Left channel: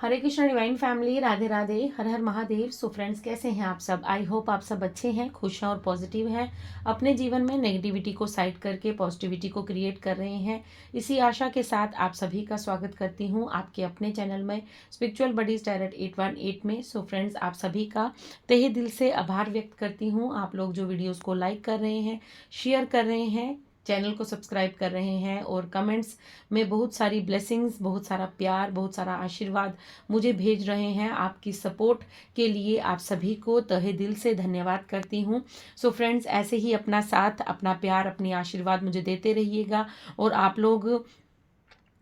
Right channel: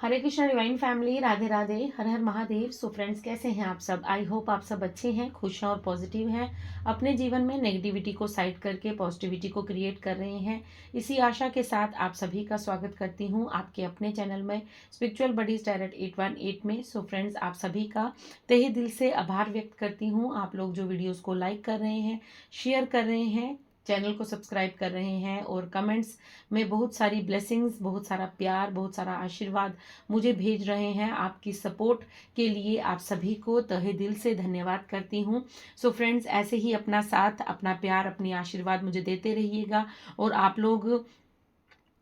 हरे Krishna divine family, Radhe Radhe, हर हर Mahadev. So friends, कैसे हैं आप सब? आई होप आप सब अच्छे हैं, खुश हैं और पॉजिटिव हैं। अपने जीवन में नेगेटिविटी को साइड करके पॉजिटिविटी को क्रिएट कर रहे हैं। इसी आशा के साथ आप सभी का स्वागत करती हूँ आपके अपने चैनल में, स्पिरिचुअल बडीज टैरोट 818 में। सो फ्रेंड्स, आप सभी का तहे दिल से आभार व्यक्त करती हूँ। आप लोग जो वीडियोज़ को लाइक कर रहे हैं, शेयर कर रहे हैं, चैनल को सब्सक्राइब कर रहे हैं और कमेंट्स में बहुत सारी ब्लेसिंग्स, बहुत सारा प्यार, बहुत सारा आशीर्वाद मुझे भेज रहे हैं। आपकी सपोर्ट के लिए आप सभी को तहे दिल से धन्यवाद करती हूँ। सो फ्रेंड्स, ऐसे ही अपना साथ, अपना प्यार, अपनी आशीर्वाद मुझे देते रहिएगा। और आप लोग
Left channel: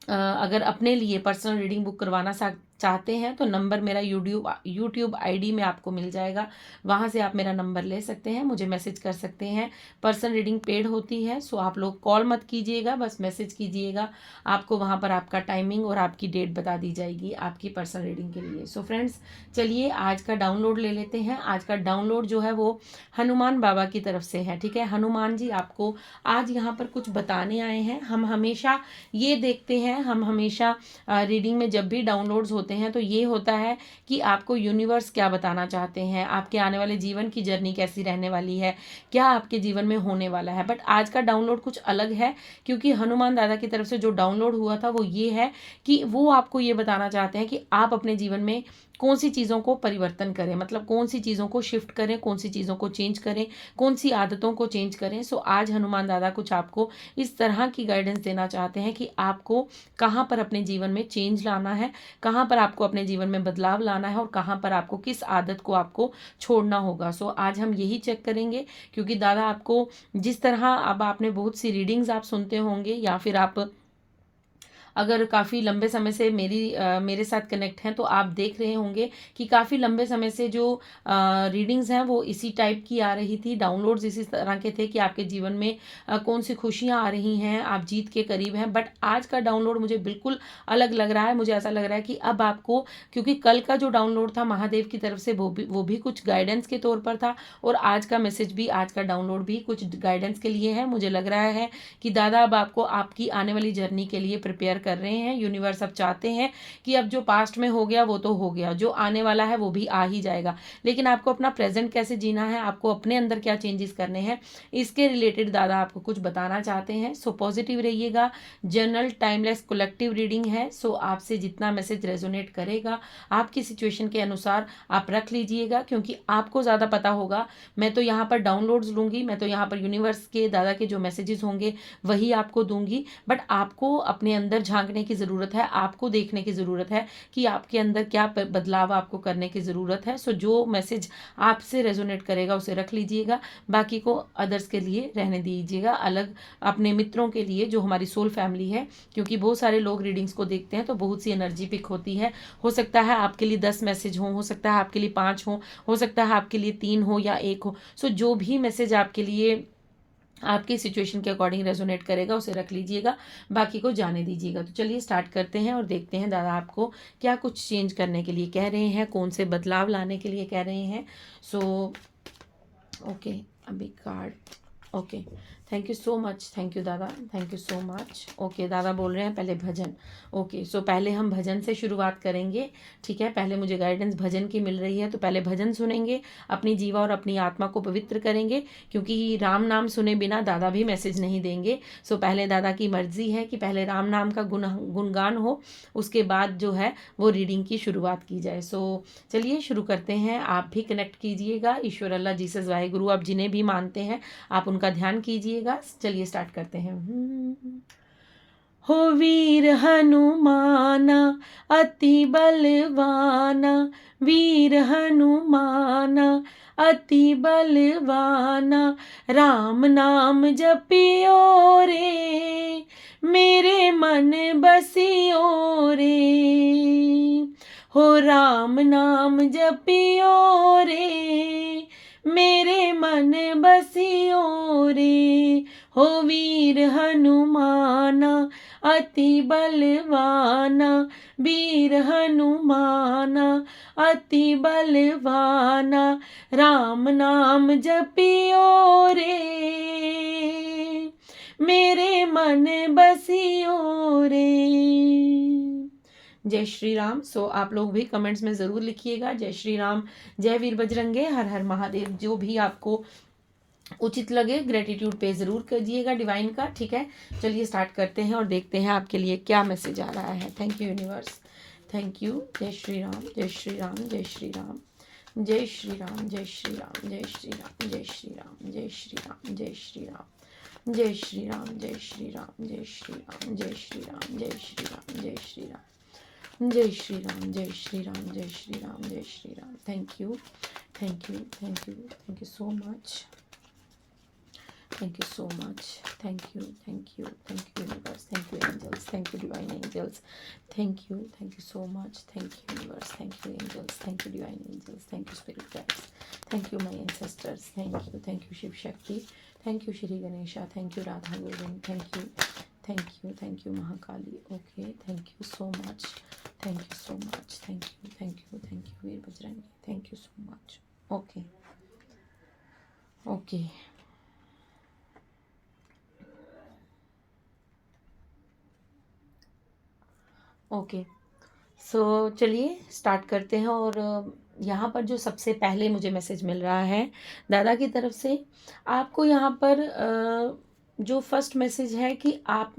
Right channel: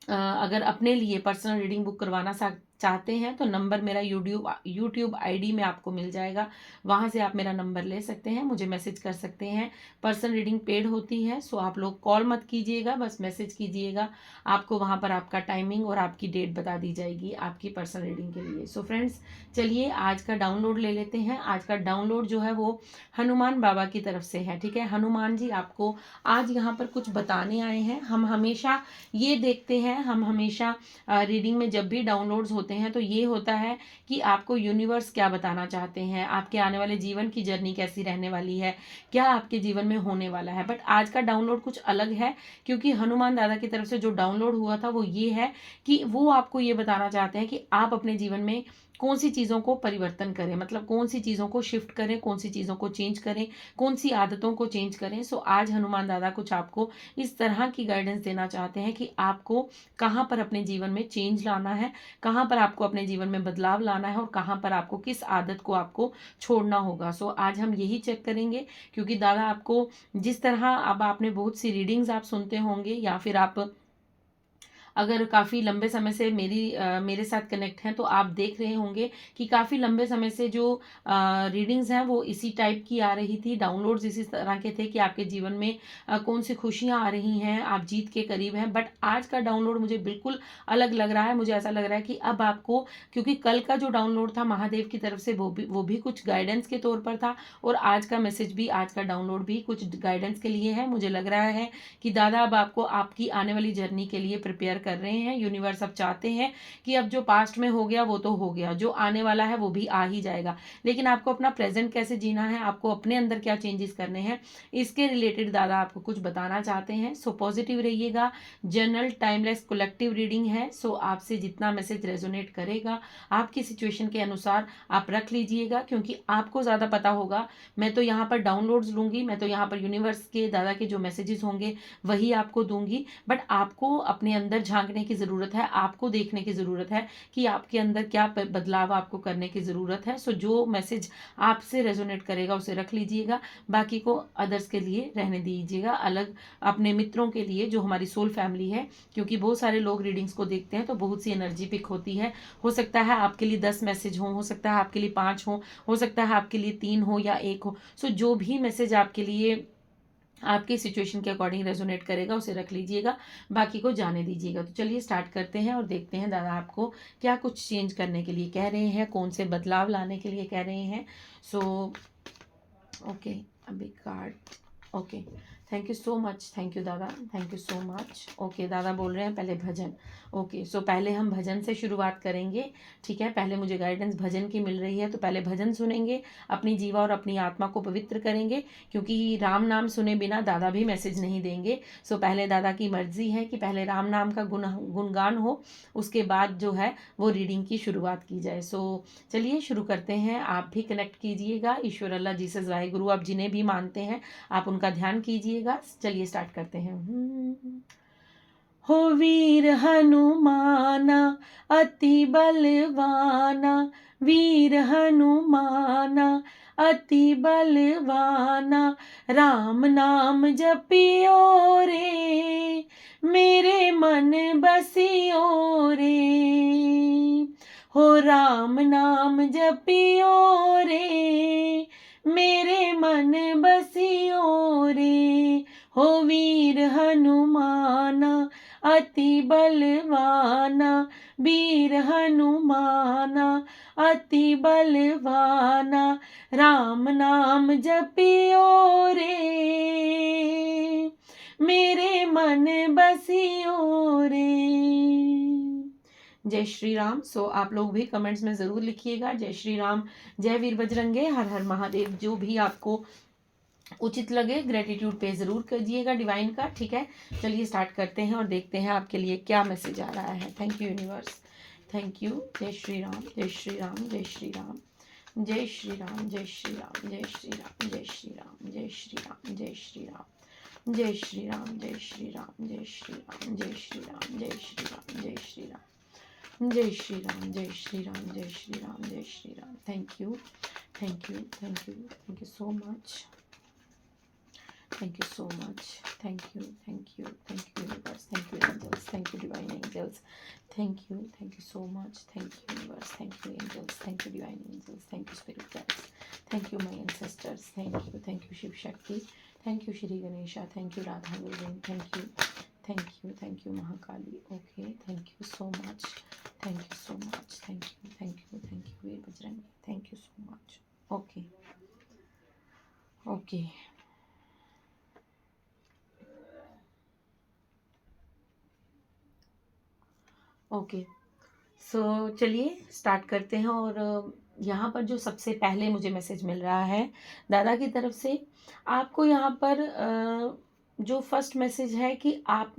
अगर अपने लिए पर्सनल रीडिंग बुक करवाना चाहते हैं तो नंबर मेरा यूट्यूब आईडी में आपको मिल जाएगा। वहाँ से आप मेरा नंबर ले सकते हैं, मुझे मैसेज कर सकते हैं। पर्सनल रीडिंग पेड होती है, सो आप लोग कॉल मत कीजिएगा, बस मैसेज कीजिएगा। आपको वहाँ पर आपका टाइमिंग और आपकी डेट बता दी जाएगी आपकी पर्सनल रीडिंग के लिए। सो फ्रेंड्स, चलिए आज का डाउनलोड ले लेते हैं। आज का डाउनलोड जो है वो हनुमान बाबा की तरफ से है। ठीक है, हनुमान जी आपको आज यहाँ पर कुछ बताने आए हैं। हम हमेशा ये देखते हैं, हम हमेशा रीडिंग में जब भी डाउनलोड्स होते हैं तो ये होता है कि आपको यूनिवर्स क्या बताना चाहते हैं, आपके आने वाले जीवन की जर्नी कैसी रहने वाली है, क्या आपके जीवन में होने वाला है। बट आज का डाउनलोड कुछ अलग है, क्योंकि हनुमान दादा की तरफ से जो डाउनलोड हुआ था वो ये है कि वो आपको ये बताना चाहते हैं कि आप अपने जीवन में कौन सी चीज़ों को परिवर्तन करें, मतलब कौन सी चीज़ों को शिफ्ट करें, कौन सी चीज़ों को चेंज करें, कौन सी आदतों को चेंज करें। सो आज हनुमान दादा कुछ आपको इस तरह की गाइडेंस देना चाहते हैं कि आपको कहाँ पर अपने जीवन में चेंज लाना है, कहाँ पर आपको अपने जीवन में बदलाव लाना है और कहाँ पर आपको किस आदत को आपको छोड़ना होगा। सो आज हम यही चेक करेंगे, क्योंकि दादा आपको जिस तरह, अब आपने बहुत सी रीडिंग्स आप सुनते होंगे या फिर आप अगर काफ़ी लंबे समय से मेरे साथ कनेक्ट हैं तो आप देख रहे होंगे कि काफ़ी लंबे समय से जो रीडिंग्स हैं वो इसी टाइप की आ रही थी, डाउनलोड्स इसी तरह के थे कि आपके जीवन में कौन सी खुशियाँ आ रही हैं, आप जीत के करीब हैं। बट आज का डाउनलोड मुझे बिल्कुल अलग लग रहा है। मुझे ऐसा लग रहा है कि अब आपको, क्योंकि कल का जो डाउनलोड था महादेव की तरफ से वो भी कुछ गाइडेंस के तौर पर था, और आज का मैसेज भी, आज का डाउनलोड भी कुछ गाइडेंस के लिए है। मुझे लग रहा है कि दादा अब आपको आपकी आने वाली जर्नी के लिए प्रिपेयर कर रहे हैं। यूनिवर्स अब चाहते हैं कि अब जो पास्ट में हो गया वो तो हो गया, जो आने वाला है वो भी आ ही जाएगा, लेकिन आपको अपना प्रेजेंट कैसे जीना है, आपको अपने अंदर क्या चेंजेस करने हैं, इसके रिलेटेड दादा आपको कुछ बताना चाहते हैं। सो पॉजिटिव रहिएगा। जनरल टाइमलेस कलेक्टिव रीडिंग है, सो आपसे जितना मैसेज रेजोनेट करेगा आपकी सिचुएशन के अनुसार आप रख लीजिएगा, क्योंकि आपको ज़्यादा पता होगा। मैं तो यहाँ पर डाउनलोड्स लूँगी, मैं तो यहाँ पर यूनिवर्स के दादा के जो मैसेजेस होंगे वही आपको दूंगी, बट आपको अपने अंदर झांकने की ज़रूरत है, आपको देखने की ज़रूरत है कि आपके अंदर क्या बदलाव आपको करने की ज़रूरत है। सो जो मैसेज आपसे रेजोनेट करेगा उसे रख लीजिएगा, बाकी को अदर्स के लिए रहने दीजिएगा, अलग अपने मित्रों के लिए जो हमारी सोल फैमिली है, क्योंकि बहुत सारे लोग रीडिंग्स को देखते हैं तो बहुत सी एनर्जी पिक होती है। हो सकता है आपके लिए 10 मैसेज हो सकता है आपके लिए 5 हो सकता है आपके लिए 3 हो या 1 हो। सो जो भी मैसेज आपके लिए आपकी सिचुएशन के अकॉर्डिंग रेजोनेट करेगा उसे रख लीजिएगा, बाकी को जाने दीजिएगा। तो चलिए स्टार्ट करते हैं और देखते हैं दादा आपको क्या कुछ चेंज करने के लिए कह रहे हैं, कौन से बदलाव लाने के लिए कह रहे हैं। सो ओके, अभी card, okay, thank you so much, thank you दादा, thank you so much. Okay, दादा बोल रहे हैं पहले भजन। ओके, सो पहले हम भजन से शुरुआत करेंगे। ठीक है, पहले मुझे गाइडेंस भजन की मिल रही है, तो पहले भजन सुनेंगे, अपनी जीवा और अपनी आत्मा को पवित्र करेंगे, क्योंकि राम नाम सुने बिना दादा भी मैसेज नहीं देंगे। सो पहले दादा की मर्जी है कि पहले राम नाम का गुणगान हो, उसके बाद जो है वो रीडिंग की शुरुआत की जाए। सो चलिए शुरू करते हैं। आप भी कनेक्ट कीजिएगा, ईश्वर, अल्लाह, जीसस, वाहेगुरु, आप जिन्हें भी मानते हैं आप उनका ध्यान कीजिएगा। चलिए स्टार्ट करते हैं। हो वीर हनुमाना अति बलवाना, वीर हनुमाना अति बलवाना, राम नाम जपियो रे, मेरे मन बसियो रे, हो राम नाम जपियो रे, मेरे मन बसियो रे, हो वीर हनुमाना अति बलवाना, वीर हनुमाना अति बलवाना, राम नाम जपियो रे, मेरे मन बसियो रे। जय श्री राम। सो आप लोग भी कमेंट्स में ज़रूर लिखिएगा जय श्री राम, जय वीर बजरंगे, हर हर महादेव। जो भी आपको उचित लगे ग्रेटिट्यूड पे ज़रूर कीजिएगा डिवाइन का, ठीक है। चलिए स्टार्ट करते हैं और देखते हैं आपके लिए क्या मैसेज आ रहा है। Thank you universe, thank you. जय श्री राम, जय श्री राम, जय श्री राम, जय श्री राम, जय श्री राम, जय श्री राम, जय श्री राम, जय श्री राम, जय श्री राम, जय श्री राम, जय श्री राम, जय श्री राम, जय श्री राम, जय श्री राम, जय श्री राम, जय श्री राम, जय श्री राम, जय श्री राम, जय Shri Ram. Thank you, thank you, thank you, thank you so much, thank you so much, thank you, thank you, thank you universe, thank you angels, thank you divine angels, thank you so much, thank you universe, thank you angels, thank you divine angels, thank you spirit guides, thank you my ancestors, thank you Shiv Shakti, thank you Shri Ganesha, thank you Radha Govind, thank you Mahakali, okay, thank you so much, thank you so much, thank you Veer Bajrangi, thank you so much, okay, okay। Okay, so चलिए start करते हैं। और यहाँ पर जो सबसे पहले मुझे मैसेज मिल रहा है दादा की तरफ से, आपको यहाँ पर जो फर्स्ट मैसेज है कि आप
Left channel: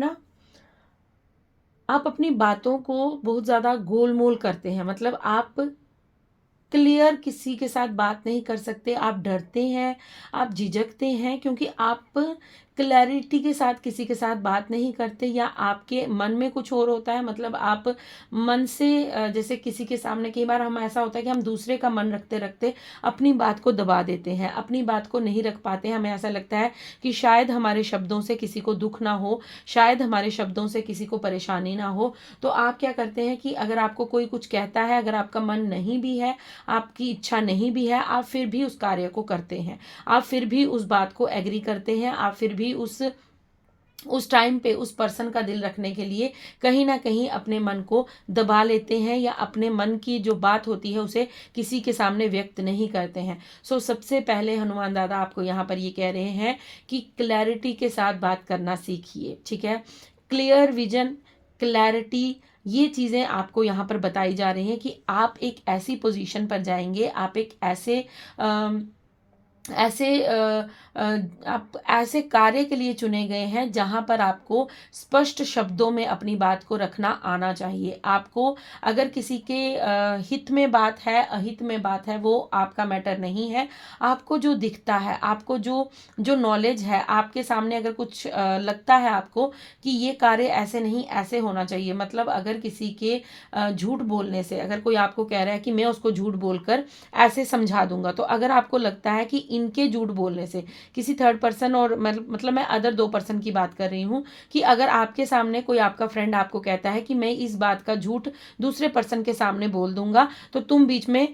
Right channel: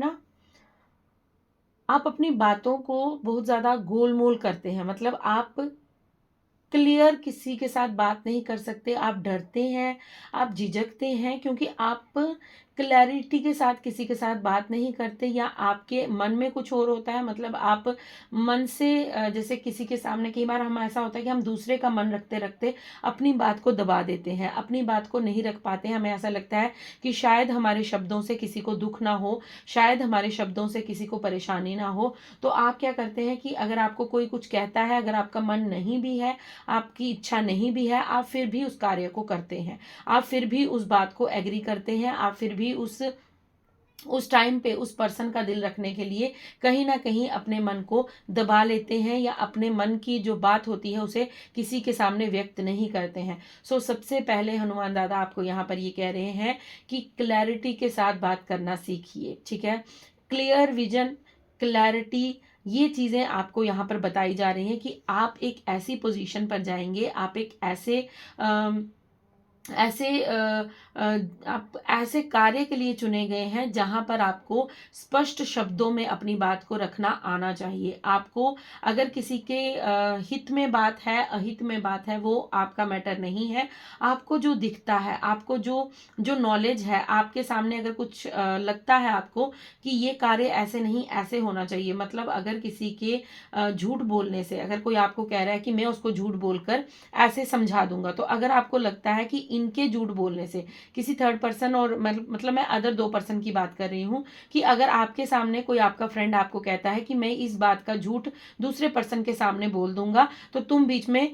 अपनी बातों को बहुत ज़्यादा गोल मोल करते हैं, मतलब आप क्लियर किसी के साथ बात नहीं कर सकते, आप डरते हैं, आप झिझकते हैं, क्योंकि आप क्लैरिटी के साथ किसी के साथ बात नहीं करते, या आपके मन में कुछ और होता है। मतलब आप मन से जैसे किसी के सामने, कई बार हम ऐसा होता है कि हम दूसरे का मन रखते रखते अपनी बात को दबा देते हैं, अपनी बात को नहीं रख पाते हैं। हमें ऐसा लगता है कि शायद हमारे शब्दों से किसी को दुख ना हो, शायद हमारे शब्दों से किसी को परेशानी ना हो। तो आप क्या करते हैं कि अगर आपको कोई कुछ कहता है, अगर आपका मन नहीं भी है, आपकी इच्छा नहीं भी है, आप फिर भी उस कार्य को करते हैं, आप फिर भी उस बात को एग्री करते हैं, आप फिर भी उस टाइम पे उस पर्सन का दिल रखने के लिए कहीं ना कहीं अपने मन को दबा लेते हैं, या अपने मन की जो बात होती है उसे किसी के सामने व्यक्त नहीं करते हैं। सो सबसे पहले हनुमान दादा आपको यहाँ पर ये कह रहे हैं कि क्लैरिटी के साथ बात करना सीखिए, ठीक है। क्लियर विजन, क्लैरिटी, ये चीज़ें आपको यहाँ पर बताई जा रही हैं कि आप एक ऐसी पोजीशन पर जाएंगे, आप एक आप ऐसे कार्य के लिए चुने गए हैं जहां पर आपको स्पष्ट शब्दों में अपनी बात को रखना आना चाहिए। आपको अगर किसी के हित में बात है, अहित में बात है, वो आपका मैटर नहीं है। आपको जो दिखता है, आपको जो नॉलेज है, आपके सामने अगर कुछ लगता है आपको कि ये कार्य ऐसे नहीं ऐसे होना चाहिए, मतलब अगर किसी के झूठ बोलने से, अगर कोई आपको कह रहा है कि मैं उसको झूठ बोलकर ऐसे समझा दूंगा, तो अगर आपको लगता है कि इनके झूठ बोलने से किसी थर्ड पर्सन, और मतलब मैं अदर 2 पर्सन की बात कर रही हूँ, कि अगर आपके सामने कोई आपका फ्रेंड आपको कहता है कि मैं इस बात का झूठ दूसरे पर्सन के सामने बोल दूंगा, तो तुम बीच में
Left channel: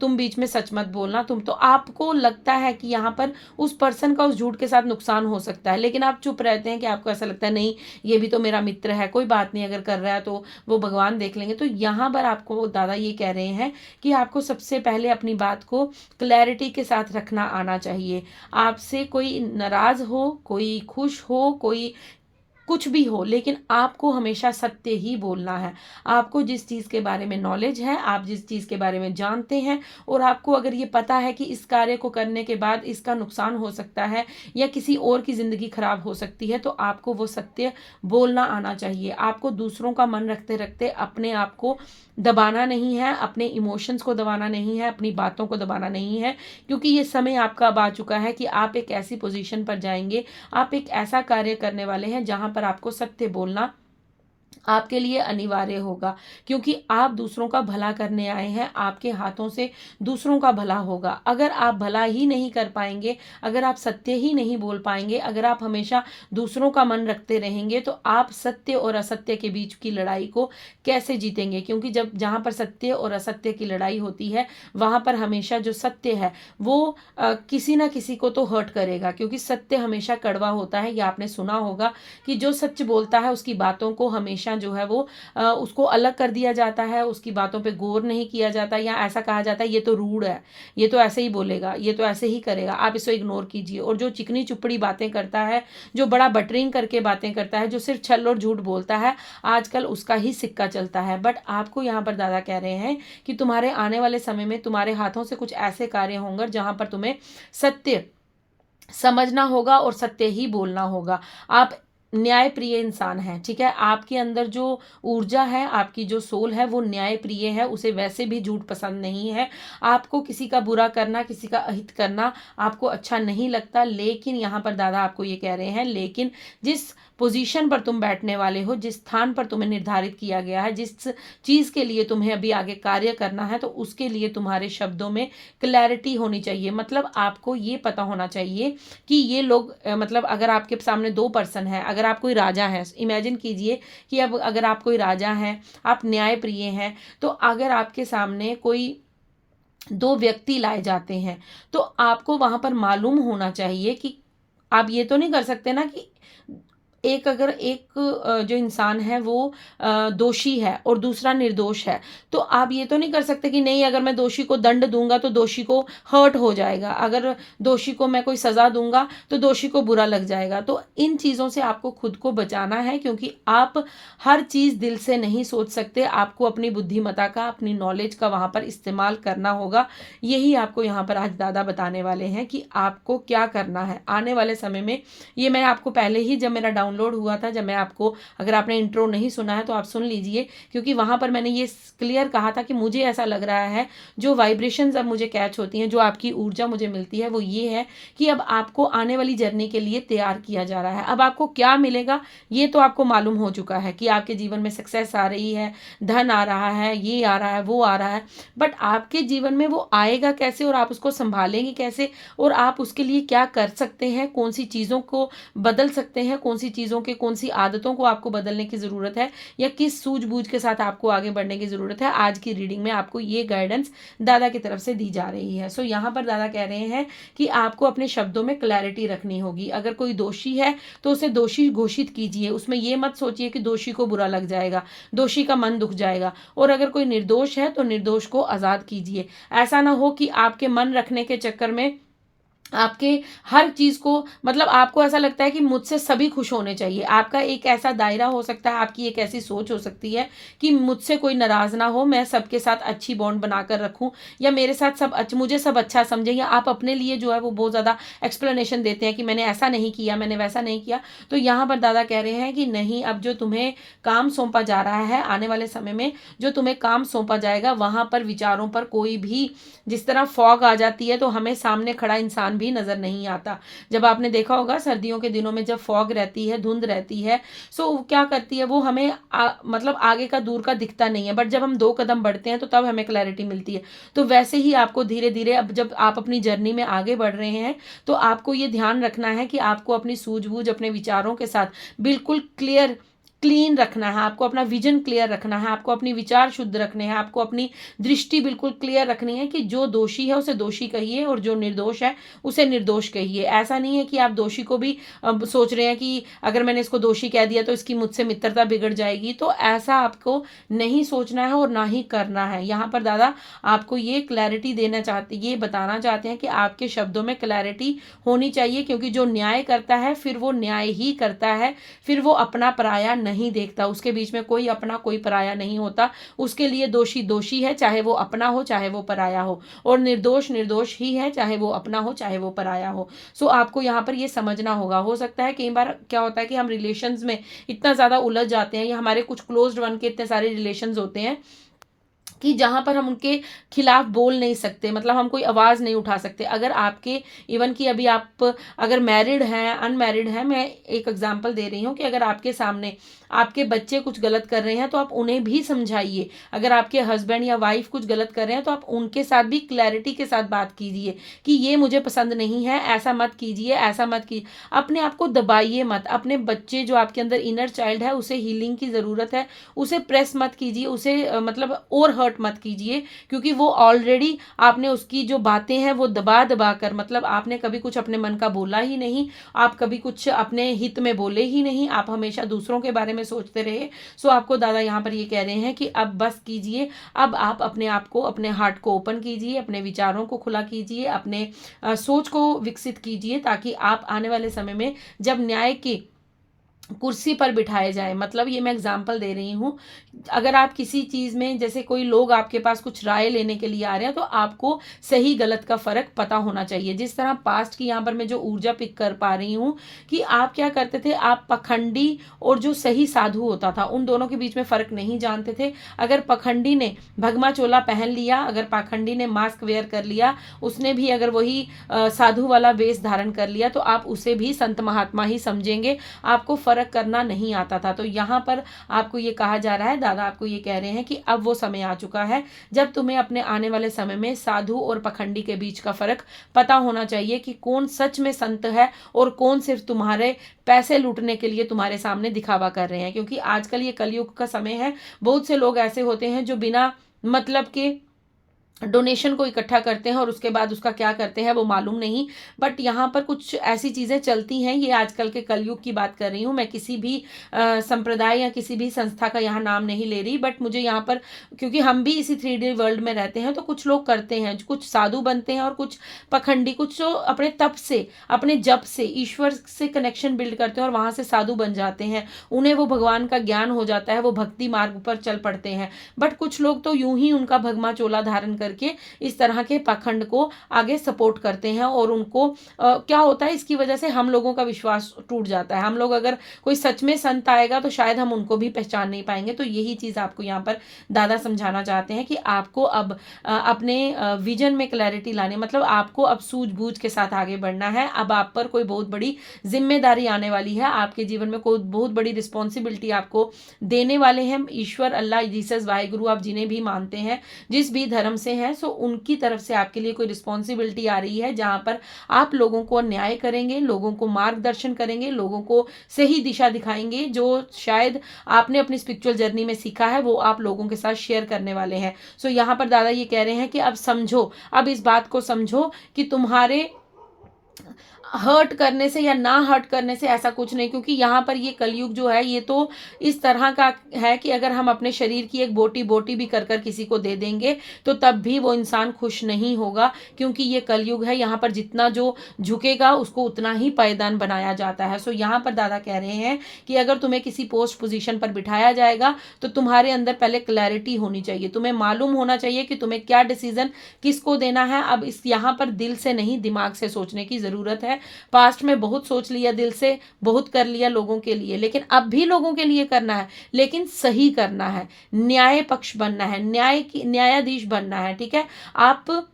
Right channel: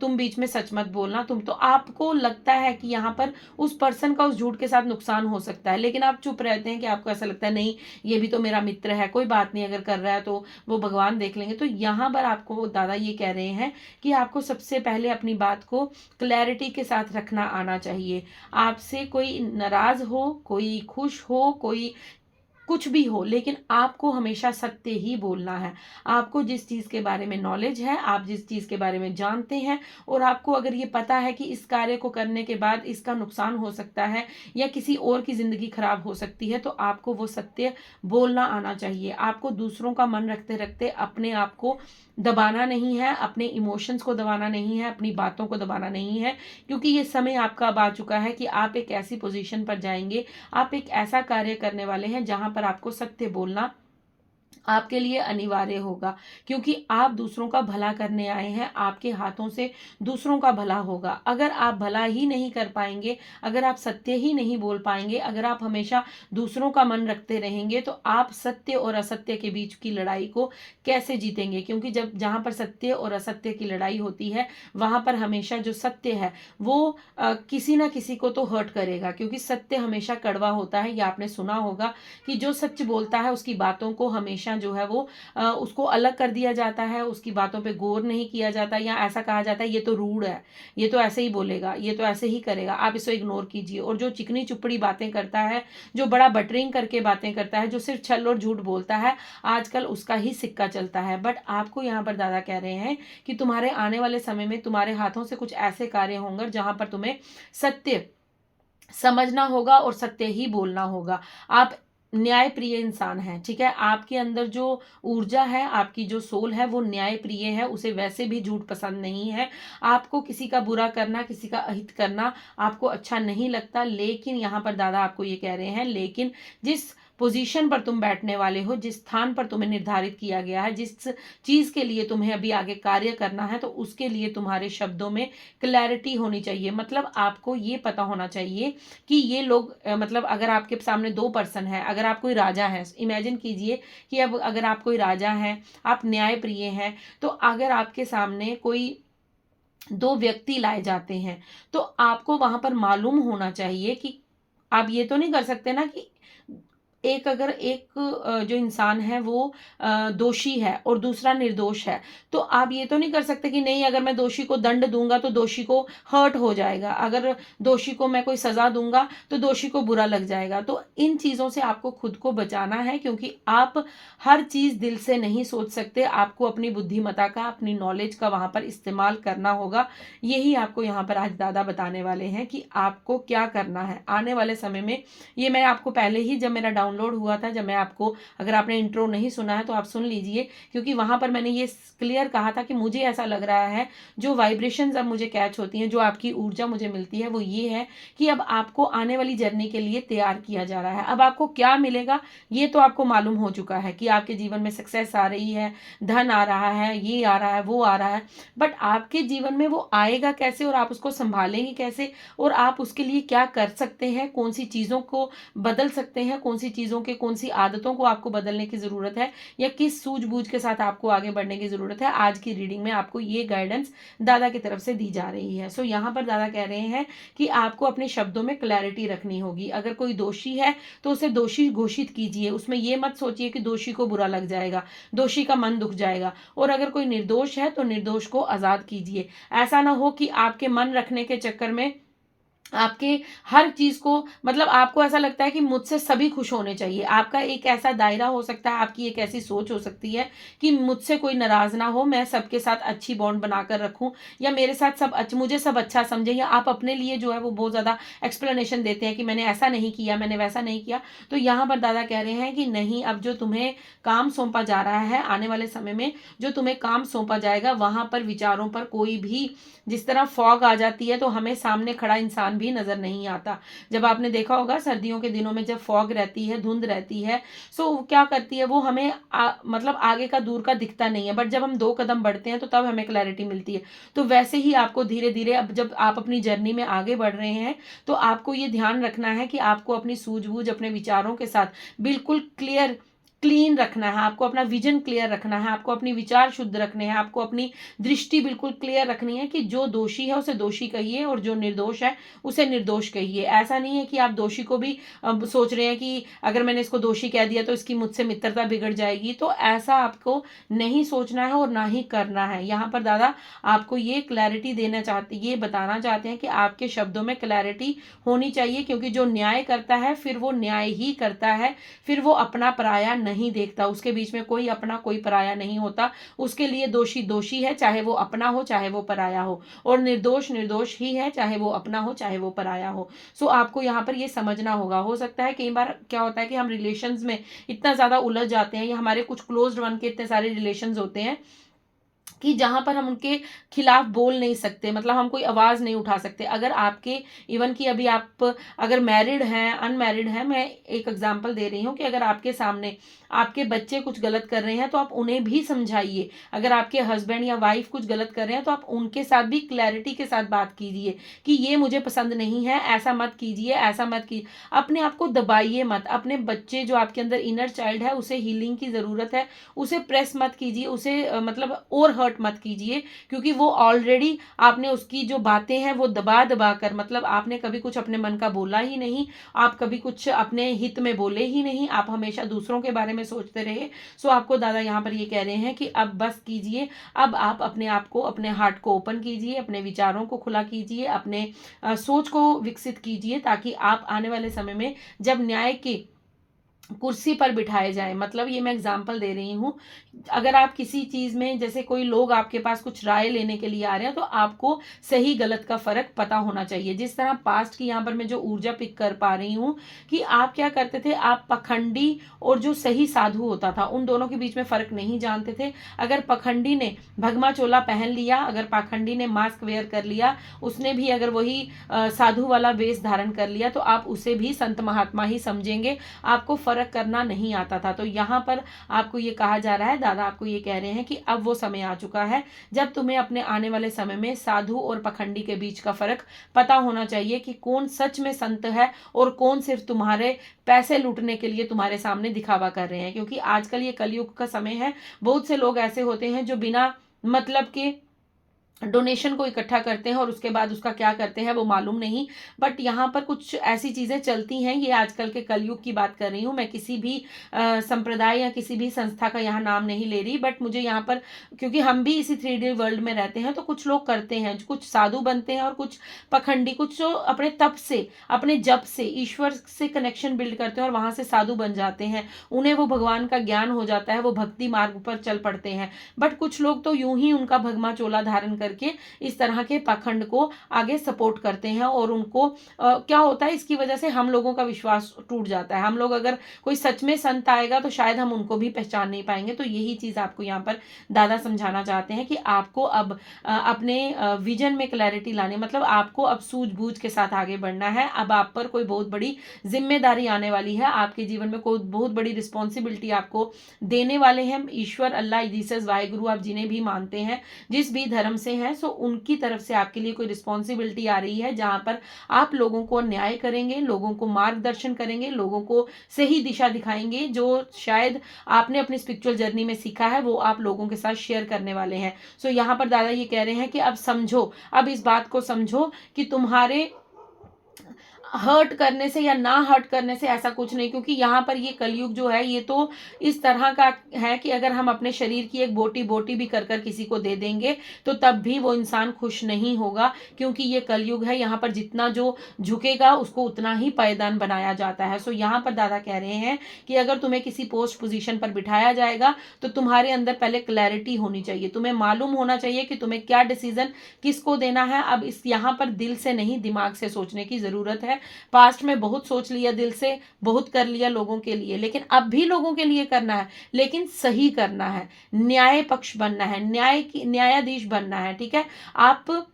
तुम बीच में सच मत बोलना। तो आपको लगता है कि यहाँ पर उस पर्सन का उस झूठ के साथ नुकसान हो सकता है, लेकिन आप चुप रहते हैं कि आपको ऐसा लगता है नहीं, ये भी तो मेरा मित्र है, कोई बात नहीं, अगर कर रहा है तो वो भगवान देख लेंगे। तो यहाँ पर आपको दादा ये कह रहे हैं कि आपको सबसे पहले अपनी बात को क्लैरिटी के साथ रखना आना चाहिए। आपसे कोई नाराज हो, कोई खुश हो, कोई कुछ भी हो, लेकिन आपको हमेशा सत्य ही बोलना है। आपको जिस चीज़ के बारे में नॉलेज है, आप जिस चीज़ के बारे में जानते हैं, और आपको अगर ये पता है कि इस कार्य को करने के बाद इसका नुकसान हो सकता है या किसी और की ज़िंदगी खराब हो सकती है, तो आपको वो सत्य बोलना आना चाहिए। आपको दूसरों का मन रखते रखते अपने आप को दबाना नहीं है, अपने इमोशंस को दबाना नहीं है, अपनी बातों को दबाना नहीं है, क्योंकि ये समय आपका अब आ चुका है कि आप एक ऐसी पोजीशन पर जाएंगे, आप एक ऐसा कार्य करने वाले हैं जहां पर आपको सत्य बोलना आपके लिए अनिवार्य होगा, क्योंकि आप दूसरों का भला करने आए हैं, आपके हाथों से दूसरों का भला होगा। अगर आप भला ही नहीं कर पाएंगे, अगर आप सत्य ही नहीं बोल पाएंगे, अगर आप हमेशा दूसरों का मन रखते रहेंगे, तो आप सत्य और असत्य के बीच की लड़ाई को कैसे जीतेंगे? क्योंकि जहाँ पर सत्य और असत्य की लड़ाई होती है, वहां पर हमेशा जो सत्य है वो किसी ना किसी को तो हर्ट करेगा, क्योंकि सत्य हमेशा कड़वा होता है। ये आपने सुना होगा कि जो सच बोलता है उसकी बातों को हमेशा हमेशा जो है वो उसको अलग कर दिया जाता है, उसकी बातों पे गौर नहीं किया जाता, या ऐसा कहा जाता है ये तो रूड है, ये तो ऐसे ही बोलेगा, ये तो ऐसे ही करेगा, आप इसको इग्नोर कीजिए। और जो चिकनी चुपड़ी बातें करता है, जो बड़ा बटरिंग करके बातें करता है, जो सिर्फ छल और झूठ बोलता है, आजकल उसका ही सिक्का चलता है। बट आपको यहाँ पर दादा कह रहे हैं कि तुम्हारे आने वाले समय में तुम्हारे हाथों से कुछ ऐसे कार्य होंगे जहां पर तुम्हें सत्य समझना होगा और सत्य ही बोलना होगा। आप न्याय प्रिय इंसान हैं, ठीक है। आपके अंदर जो ऊर्जा है, आपकी जो सोल है, वो न्याय प्रिय है, उसे वैसे भी झूठ पसंद नहीं है। आपको किसी का बुरा करना, किसी का अहित करना आपको अच्छा नहीं लगता। लेकिन यहाँ पर दादा आपको ये कह रहे हैं, लेकिन जिस पोजीशन पर तुम बैठने वाले हो, जिस स्थान पर तुम्हें निर्धारित किया गया है, जिस चीज के लिए तुम्हें अभी आगे कार्य करना है, तो उसके लिए तुम्हारे शब्दों में क्लैरिटी होनी चाहिए। मतलब आपको ये पता होना चाहिए कि ये लोग मतलब अगर आपके सामने दो पर्सन है, अगर आप कोई राजा है, इमेजिन कीजिए कि अब अगर आप कोई राजा हैं, आप न्याय प्रिय हैं, तो अगर आपके सामने कोई दो व्यक्ति लाए जाते हैं, तो आपको वहां पर मालूम होना चाहिए कि आप ये तो नहीं कर सकते ना कि एक अगर एक जो इंसान है वो दोषी है और दूसरा निर्दोष है, तो आप ये तो नहीं कर सकते कि नहीं अगर मैं दोषी को दंड दूंगा तो दोषी को हर्ट हो जाएगा, अगर दोषी को मैं कोई सजा दूंगा तो दोषी को बुरा लग जाएगा। तो इन चीज़ों से आपको खुद को बचाना है, क्योंकि आप हर चीज़ दिल से नहीं सोच सकते। आपको अपनी बुद्धिमत्ता का, अपनी नॉलेज का वहां पर इस्तेमाल करना होगा। यही आपको यहाँ पर आज दादा बताने वाले हैं कि आपको क्या करना है आने वाले समय में। ये मैं आपको पहले ही जब मेरा डाउनलोड हुआ था, जब मैं आपको, अगर आपने इंट्रो नहीं सुना है तो आप सुन लीजिए, क्योंकि वहां पर मैंने ये क्लियर कहा था कि मुझे ऐसा लग रहा है जो वाइब्रेशंस अब मुझे कैच होती हैं, जो आपकी ऊर्जा मुझे मिलती है, वो ये है कि अब आपको आने वाली जर्नी के लिए तैयार किया जा रहा है। अब आपको क्या मिलेगा ये तो आपको मालूम हो चुका है कि आपके जीवन में सक्सेस आ रही है, धन आ रहा है, ये आ रहा है, वो आ रहा है। बट आपके जीवन में वो आएगा कैसे और आप उसको संभालेंगे कैसे, और आप उसके लिए क्या कर सकते हैं, कौन सी चीज़ों को बदल सकते हैं, कौन सी चीज़ों के, कौन सी आदतों को आपको बदलने की ज़रूरत है, या किस सूझबूझ के साथ आपको आगे बढ़ने की ज़रूरत है, आज की रीडिंग में आपको ये गाइडेंस दादा की तरफ से दी जा रही है। सो यहाँ पर दादा कह रहे हैं कि आपको अपने शब्दों में क्लैरिटी रखनी होगी। अगर कोई दोषी है तो उसे दोषी घोषित कीजिए, उसमें ये मत सोचिए कि दोषी को बुरा लग जाएगा, दोषी का मन दुख जाएगा। और अगर कोई निर्दोष है तो निर्दोष को आज़ाद कीजिए। ऐसा ना हो कि आपके मन रखने के चक्कर में आपके हर चीज को, मतलब आपको ऐसा लगता है कि मुझसे सभी खुश होने चाहिए। आपका एक ऐसा दायरा हो सकता है, आपकी एक ऐसी सोच हो सकती है कि मुझसे कोई नाराज ना हो, मैं सबके साथ अच्छी बॉन्ड बनाकर रखूं, या मेरे साथ सब मुझे सब अच्छा समझे, या आप अपने लिए जो है वो बहुत ज्यादा एक्सप्लेनेशन देते हैं कि मैंने ऐसा नहीं किया, मैंने वैसा नहीं किया। तो यहाँ पर दादा कह रहे हैं कि नहीं, अब जो तुम्हें काम सौंपा जा रहा है, आने वाले समय में जो तुम्हें काम सौंपा जाएगा, वहां पर विचारों पर कोई भी, जिस तरह फॉग आ जाती है तो हमें सामने खड़ा इंसान भी नजर नहीं आता। जब आपने देखा होगा सर्दियों के दिनों में जब फॉग रहती है, धुंध रहती है, सो क्या करती है वो हमें मतलब आगे का दूर का दिखता नहीं है, बट जब हम 2 कदम बढ़ते हैं तो तब हमें क्लैरिटी मिलती है। तो वैसे ही आपको धीरे धीरे, अब जब आप अपनी जर्नी में आगे बढ़ रहे हैं, तो आपको ये ध्यान रखना है कि आपको अपनी सूझबूझ, अपने विचारों के साथ बिल्कुल क्लीन रखना है, आपको अपना विजन क्लियर रखना है, आपको अपनी विचार शुद्ध रखने हैं, आपको अपनी दृष्टि बिल्कुल क्लियर रखनी है कि जो दोषी है उसे दोषी कहिए और जो निर्दोष है उसे निर्दोष कहिए। ऐसा नहीं है कि आप दोषी को भी सोच रहे हैं कि अगर मैंने इसको दोषी कह दिया तो इसकी मुझसे मित्रता बिगड़ जाएगी, तो ऐसा आपको नहीं सोचना है और ना ही करना है। यहाँ पर दादा आपको ये क्लैरिटी देना चाहते, ये बताना चाहते हैं कि आपके शब्दों में क्लैरिटी होनी चाहिए, क्योंकि जो न्याय करता है फिर वो न्याय ही करता है, फिर वो अपना पराया नहीं देखता, उसके बीच में कोई अपना कोई पराया नहीं होता। उसके लिए दोषी दोषी है, चाहे वो अपना हो चाहे वो पराया हो, और निर्दोष निर्दोष ही है, चाहे वो अपना हो चाहे वो पराया हो। सो आपको यहाँ पर ये समझना होगा। हो सकता है कई बार क्या होता है कि हम रिलेशंस में इतना ज्यादा उलझ जाते हैं, या हमारे कुछ क्लोज्ड वन के इतने सारे रिलेशंस होते हैं कि जहां पर हम उनके खिलाफ बोल नहीं सकते, मतलब हम कोई आवाज़ नहीं उठा सकते। अगर आपके, इवन कि अभी आप अगर मैरिड हैं, अनमैरिड हैं, मैं एक एग्जांपल दे रही हूँ कि अगर आपके सामने आपके बच्चे कुछ गलत कर रहे हैं तो आप उन्हें भी समझाइए। अगर आपके हस्बैंड या वाइफ कुछ गलत कर रहे हैं तो आप उनके साथ भी क्लैरिटी के साथ बात कीजिए कि ये मुझे पसंद नहीं है, ऐसा मत कीजिए, ऐसा मत कीजिए। अपने आप को दबाइए मत। अपने बच्चे, जो आपके अंदर इनर चाइल्ड है, उसे हीलिंग की ज़रूरत है, उसे प्रेस मत कीजिए, उसे मतलब और हर्ट मत कीजिए, क्योंकि वो ऑलरेडी, आपने उसकी जो बातें हैं वो दबा दबा कर, मतलब आपने कभी कुछ अपने मन का बोला ही नहीं, आप कभी कुछ अपने हित में बोले ही नहीं, आप हमेशा दूसरों के बारे में में सोचते रहे। सो आपको दादा यहाँ पर ये कह रहे हैं कि अब बस कीजिए, अब आप अपने आप को, अपने हार्ट को ओपन कीजिए, अपने विचारों को खुला कीजिए, अपने सोच को विकसित कीजिए, ताकि आप आने वाले समय में जब न्याय की कुर्सी पर बिठाए जाए, मतलब ये मैं एग्जांपल दे रही हूँ, अगर आप किसी चीज़ में, जैसे कोई लोग आपके पास कुछ राय लेने के लिए आ रहे हैं, तो आपको सही गलत का फर्क पता होना चाहिए। जिस तरह पास्ट की यहाँ पर मैं जो ऊर्जा पिक कर पा रही हूँ कि आप क्या करते थे, आप पखंडी और जो सही साधु होता था उन दोनों के बीच में फर्क नहीं जानते थे। अगर पखंडी ने भगमा चोला पहन लिया, अगर पाखंडी ने मास्क वेयर कर लिया, उसने भी अगर वही साधु वाला वेश धारण कर लिया, तो आप उसे भी संत महात्मा ही समझेंगे, आपको फर्क करना नहीं आता था। तो यहाँ पर आपको ये कहा जा रहा है, दादा आपको ये कह रहे हैं कि अब वो समय आ चुका है जब तुम्हें अपने आने वाले समय में साधु और पखंडी के बीच का फर्क पता होना चाहिए कि कौन सच में संत है और कौन सिर्फ तुम्हारे पैसे लूटने के लिए तुम्हारे सामने दिखावा कर रहे हैं। क्योंकि आजकल ये कलयुग का समय है, बहुत से लोग ऐसे होते हैं जो बिना मतलब के डोनेशन को इकट्ठा करते हैं और उसके बाद उसका क्या करते हैं वो मालूम नहीं। बट यहाँ पर कुछ ऐसी चीज़ें चलती हैं, ये आजकल के कलयुग की बात कर रही हूँ मैं, किसी भी संप्रदाय या किसी भी संस्था का यहाँ नाम नहीं ले रही। बट मुझे यहाँ पर, क्योंकि हम भी इसी 3D वर्ल्ड में रहते हैं, तो कुछ लोग करते हैं, कुछ साधु बनते हैं और कुछ पखंडी, कुछ जो अपने तप से, अपने जप से ईश्वर से कनेक्शन बिल्ड करते हैं और वहाँ से साधु बन जाते हैं, उन्हें वो भगवान का ज्ञान हो जाता है, वो भक्ति मार्ग पर चल पड़ते हैं। बट कुछ लोग तो यूं ही उनका भगमा चोला धारण करके इस तरह के पाखंड को आगे सपोर्ट करते हैं और उनको क्या होता है, इसकी वजह से हम लोगों का विश्वास टूट जाता है। हम लोग, अगर कोई सच में संत आएगा तो शायद हम उनको भी पहचान नहीं पाएंगे। तो यही चीज आपको यहाँ पर दादा समझाना चाहते हैं कि आपको अब अपने विजन में क्लैरिटी लानी, मतलब आपको अब सूझबूझ के साथ आगे बढ़ना है। अब आप पर कोई बहुत बड़ी जिम्मेदारी आने वाली है, आपके जीवन में कोई बहुत बड़ी रिस्पॉन्सिबिलिटी आपको देने वाले हैं ईश्वर, अल्लाह, जीसस, वाहिगुरु, आप जिन्हें भी मानते हैं, जिस भी धर्म से हैं, सो उनकी तरफ से आपके लिए कोई रिस्पॉन्सिबिलिटी आ रही है, जहां पर आप लोगों को न्याय करेंगे, लोगों को मार्गदर्शन करेंगे, लोगों को सही दिशा दिखाएंगे। जो शायद आपने अपनी स्पिरिचुअल जर्नी में सीखा है वो आप लोगों के साथ शेयर करने वाले हैं। सो यहाँ पर दादा ये कह रहे हैं कि अब समझो, अब इस बात को समझो कि तुम्हारे हर्ट करने से या ना हर्ट करने से ऐसा कुछ नहीं। क्योंकि यहाँ पर ये कलयुग जो है, ये तो इस तरह का है कि अगर हम अपने शरीर की एक बोटी बोटी भी कर कर किसी को दे देंगे तो तब भी वो इंसान खुश नहीं होगा। क्योंकि ये कलयुग है, यहाँ पर जितना जो झुकेगा उसको उतना ही पायदान बनाया जाता है। सो यहाँ पर दादा कह रहे हैं कि अगर तुम्हें किसी पोस्ट पोजीशन पर बिठाया जाएगा तो तुम्हारे अंदर पहले क्लैरिटी होनी चाहिए, तुम्हें मालूम होना चाहिए कि तुम्हें क्या डिसीजन किसको देना है। अब इस यहाँ पर दिल से नहीं दिमाग से सोचने की जरूरत है। पास्ट में बहुत सोच लिया, दिल से बहुत कर लिया लोगों के लिए, लेकिन अब भी लोगों के लिए करना है, लेकिन सही करना है, न्याय पक्ष बनना है, न्यायाधीश बनना है। ठीक है, आप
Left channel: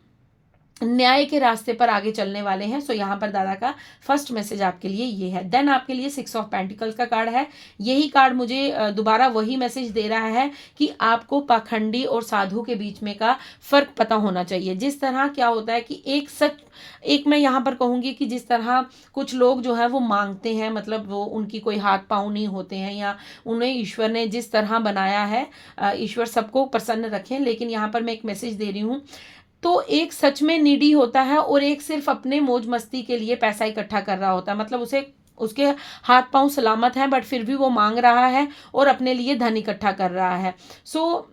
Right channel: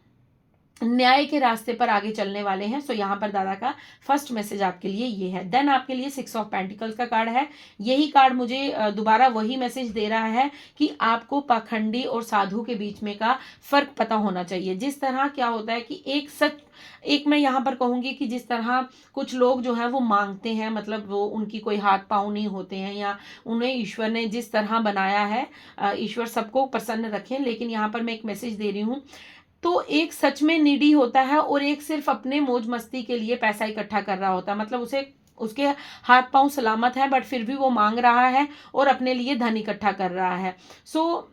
न्याय के रास्ते पर आगे चलने वाले हैं। सो यहाँ पर दादा का फर्स्ट मैसेज आपके लिए ये है। देन आपके लिए 6 ऑफ पेंटिकल्स का कार्ड है। यही कार्ड मुझे दोबारा वही मैसेज दे रहा है कि आपको पाखंडी और साधु के बीच में का फर्क पता होना चाहिए। जिस तरह क्या होता है कि एक मैं यहाँ पर कहूंगी कि जिस तरह कुछ लोग जो है वो मांगते हैं, मतलब वो उनकी कोई हाथ पांव नहीं होते हैं, या उन्हें ईश्वर ने जिस तरह बनाया है, ईश्वर सबको प्रसन्न रखें, लेकिन यहाँ पर मैं एक मैसेज दे रही हूँ। तो एक सच में नीडी होता है और एक सिर्फ अपने मौज मस्ती के लिए पैसा इकट्ठा कर रहा होता है। मतलब उसे, उसके हाथ पांव सलामत हैं बट फिर भी वो मांग रहा है और अपने लिए धन इकट्ठा कर रहा है। सो